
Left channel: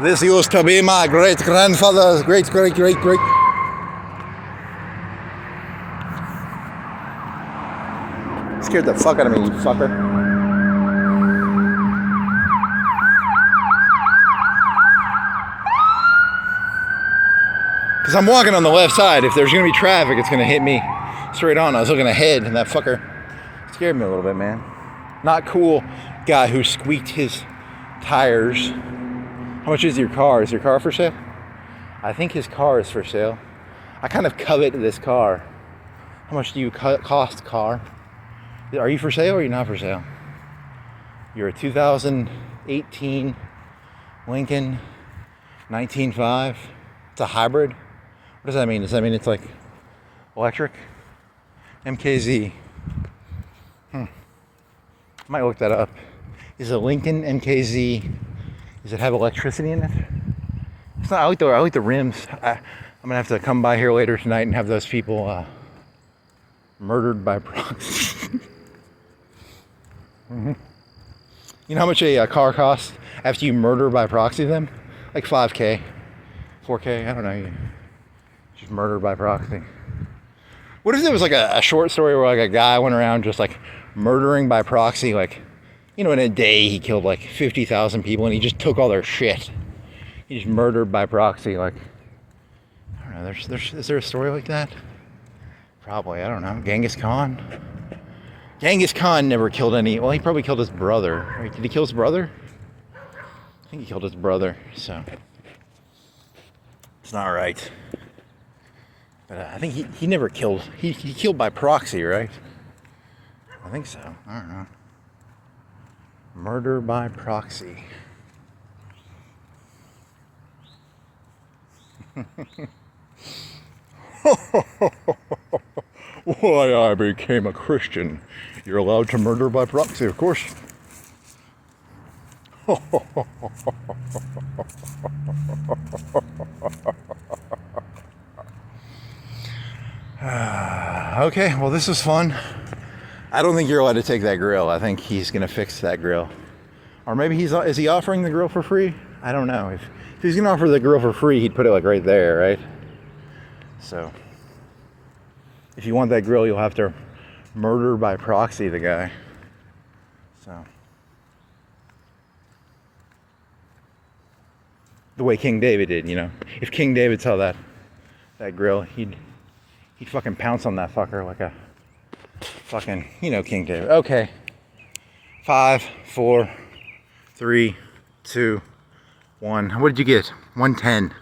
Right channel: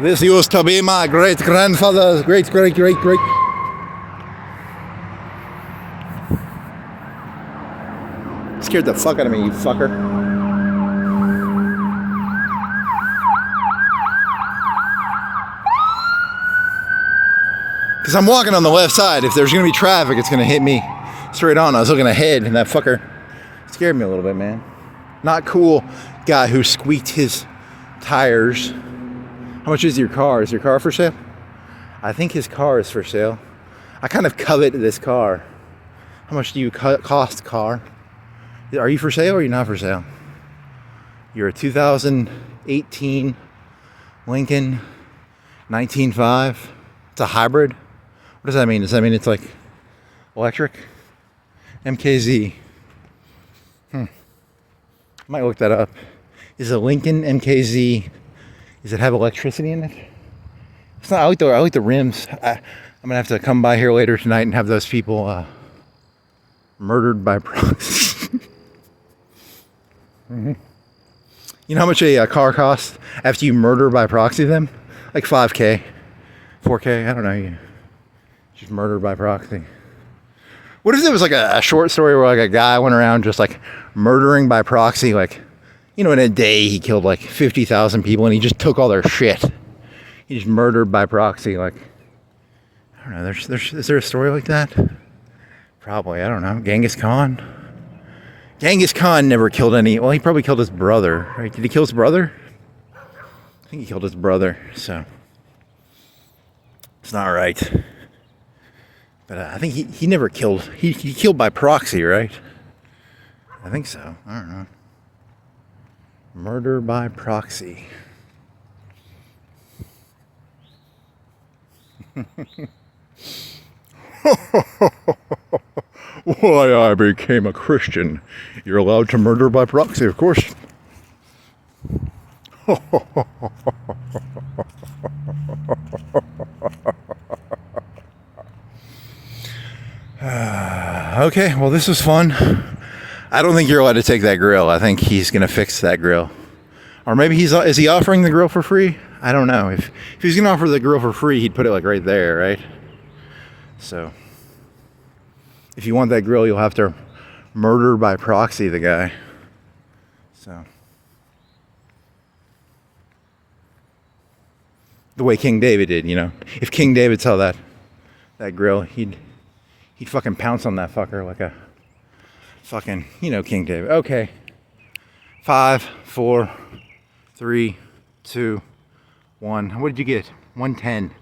This used to be my great-grandfather's great-great-great-great... Scared the fuck out of me, you fucker. Because I'm walking on the left side. If there's going to be traffic, it's going to hit me straight on. I was looking ahead, and that fucker scared me a little bit, man. Not cool guy who squeaked his tires. How much is your car? Is your car for sale? I think his car is for sale. I kind of covet this car. How much do you cost, car? Are you for sale or are you not for sale? You're a 2018 Lincoln 19.5. It's a hybrid. What does that mean? Does that mean it's like electric? MKZ. Might look that up. Is a Lincoln MKZ? Does it have electricity in it? It's not. I like the rims. I'm gonna have to come by here later tonight and have those people murdered by proxy. You know how much a car costs after you murder by proxy them? Like 5K, 4K. I don't know. You just murdered by proxy. What if there was like a short story where like a guy went around just like murdering by proxy, like, you know, in a day he killed like 50,000 people and he just took all their shit. He just murdered by proxy, like, I don't know, is there a story like that? Probably, I don't know. Genghis Khan? Genghis Khan never killed any, well, he probably killed his brother, right? Did he kill his brother? I think he killed his brother, so it's not right. But I think he never killed, he killed by proxy, right? I think so, I don't know. Murder by proxy. Why I became a Christian. You're allowed to murder by proxy, of course. Okay, well, this was fun. I don't think you're allowed to take that grill. I think he's gonna fix that grill. Or maybe is he offering the grill for free? I don't know. If he's gonna offer the grill for free, he'd put it like right there, right? So if you want that grill, you'll have to murder by proxy the guy. So the way King David did, you know. If King David saw that grill, he'd fucking pounce on that fucker like a fucking, you know, King David. Okay. 5, 4, 3, 2, 1. What did you get? 110.